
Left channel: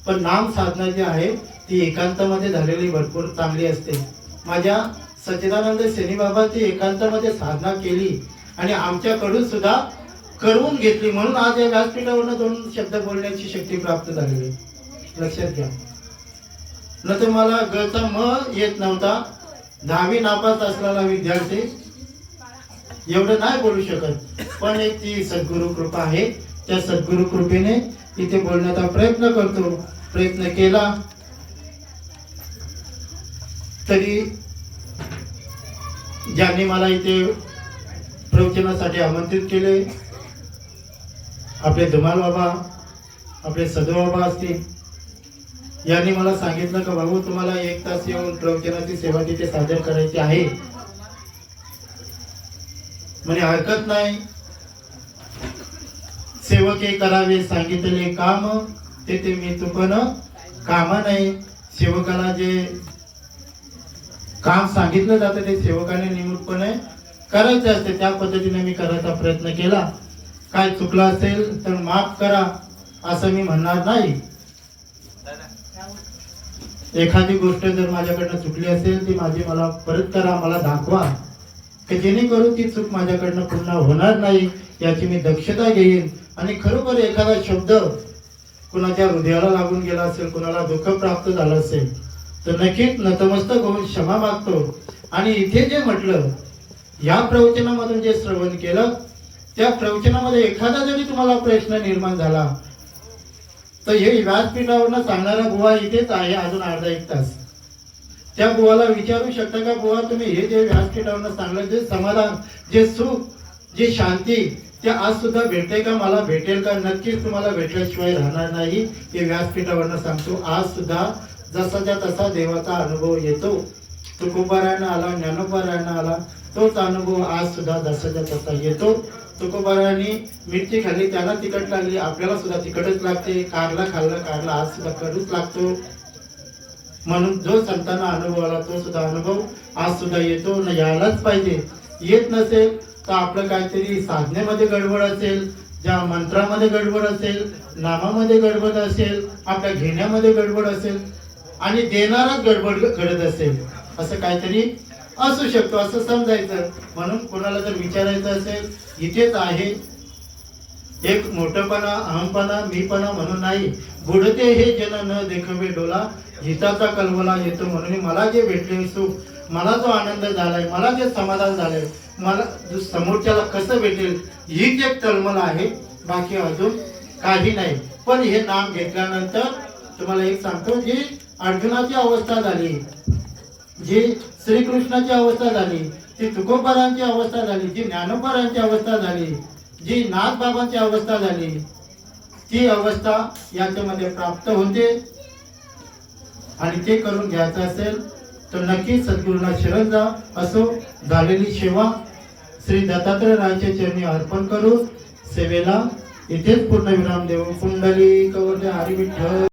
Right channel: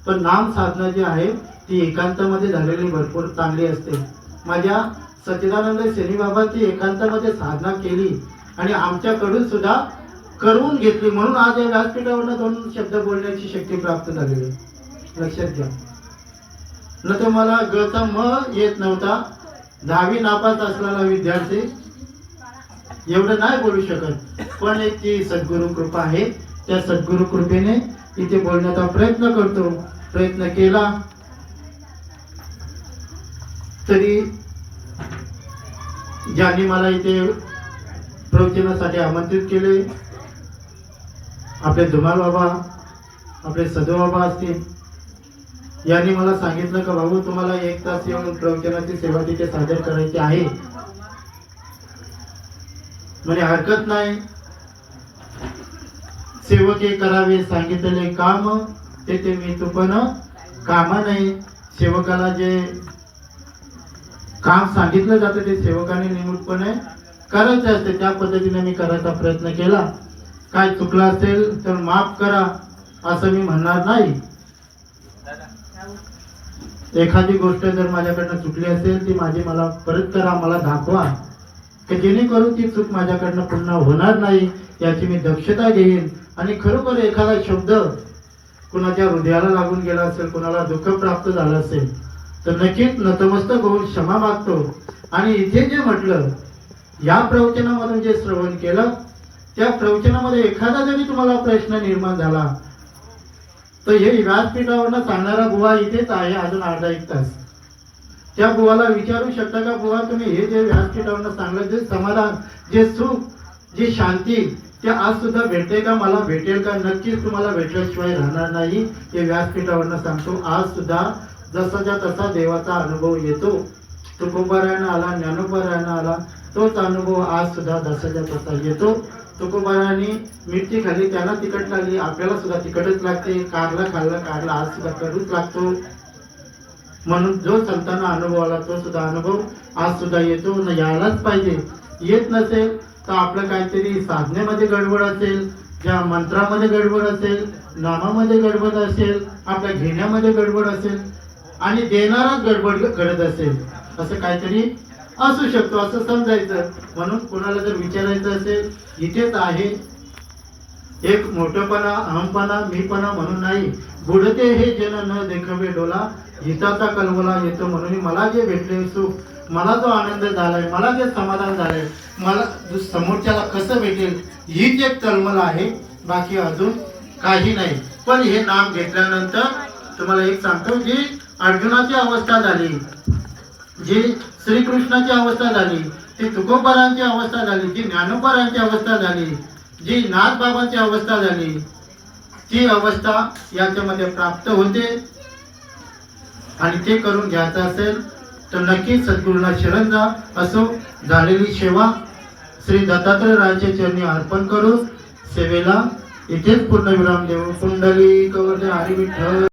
पण नाम साधना जी आहे ती एकांतामध्ये झालेली भरपूर चांगली असते. माझ्या सच्चिदानंद सेनी बाबांची एकांतामध्ये साधना केली आणि आमच्याकडून सुद्धा करून घेतली म्हणून आज या व्यासपीठावरनं 2 शब्द बोलण्याची शक्ती प्राप्त झालेली आहे. लक्षात घ्या. न तर मला गचा म येत नव्हता. 10वी नापास असलेला विद्यार्थी एवढं नाही बोलू शकत. पण एक ती सद्गुरु कृपा आहे. त्या सद्गुरु कृपेने इथे बोलण्याचा प्रयत्न केला. तरी ज्यांनी मला इथे प्रवचनासाठी आमंत्रित केले, आपले धुमाल बाबा, आपले सदो बाबा असतील, यांनी मला सांगितलं का बाबू तुम्हाला 1 तास येऊन प्रवचनाची सेवा तिथे सादर करायची आहे. म्हणजे हरकत नाही. सेवके करावे सांगितले काम ते मी तुपन कामा नाही. सेवकाला जे काम सांगितलं जातं ते सेवकाने निमूटपणे करायचं असते. त्या पद्धतीने मी करायचा प्रयत्न केला. काय चुकलं असेल तर माफ करा असं मी म्हणणार नाही. एखादी गोष्ट जर माझ्याकडनं चुकली असेल ती मला परत करा, मला दाखवा, की जेणेकरून ती चूक माझ्याकडनं पुन्हा होणार नाही याची मी दक्षता घेईन. आणि खरोखर एखादा शब्द कुणाच्या हृदयाला लागून गेला असेल, कुणाला दुःख प्राप्त झालं असेल तर नक्कीच नतमस्तक होऊन क्षमा मागतो. आणि इथे जे म्हटलं, या प्रवचनामधून जे श्रवण केलं त्या प्रवचनामध्ये एखादा जरी तुम्हाला प्रश्न निर्माण झाला तर हे व्यासपीठावरनं सांगणारा बुवा इथेच आहे अजून अर्धा 1 तास. त्या बुवाला विचारू शकता का बुवा तुम्ही हे जे व्यासपीठावरनं सांगलं जे समाधान, जे सुख, जी शांती ते आज सुद्धा भेटते का, मला भेटेल का? नक्कीच तुम्हाला भेटल्याशिवाय राहणार नाही. हे व्यासपीठावरनं सांगतो. आज सुद्धा जसाच्या तसा देवाचा अनुभव येतो. तुकोबारायनं आला, ज्ञानोबारायनं आला, तोच अनुभव आज सुद्धा जसाच्या तसा येतो. तुकोबारायांनी मिरची खाल्ली त्यांना तिखट लागली, आपल्याला सुद्धा तिखटच लागते. कारला खाल्लं, कारला आज सुद्धा कडूच लागतो. म्हणून जो संतांना अनुभव आला तो सुद्धा अनुभव आज सुद्धा येतो. न यायलाच पाहिजे. येत नसेल तर आपलं काहीतरी साधनेमध्ये गडबड असेल, ज्या मंत्रामध्ये गडबड असेल, नामामध्ये गडबड असेल, आपल्या घेण्यामध्ये गडबड असेल आणि देणाराच गडबड घडत असेल, असं काहीतरी असू शकतो असं समजायचं. म्हणून कुणाला जर विचारायचं असेल इथेच आहे. एक मोठेपणा, अहमपणा, मीपणा म्हणून नाही. बुडते हे जन न देखवे डोला, हिताचा कलवला येतो. म्हणून मला जे भेटले सुख, मला जो आनंद झालाय, मला जे समाधान झालंय, मला समोरच्याला कसं भेटेल हीच एक तळमळ आहे. बाकी अजून काही नाही. पण हे नाम घेतल्यानंतर तुम्हाला एक सांगतो, जी अर्जुनाची अवस्था झाली, जी श्रीकृष्णाची अवस्था झाली, ती तुकोबारांची अवस्था झाली, जी ज्ञानोबारांची अवस्था झाली, जी नाथबाबांची अवस्था झाली, ती अवस्था याच्यामध्ये प्राप्त होते. आणि ते करून घ्यायचं असेल तर नक्की सद्गुरूंना शरण जा. असो झालेली सेवा श्री दत्तात्रय रायाच्या चरणी अर्पण करू. सेवेला इथेच पूर्णविराम देऊ. कुंडली कवरदे हरी विठ्ठल.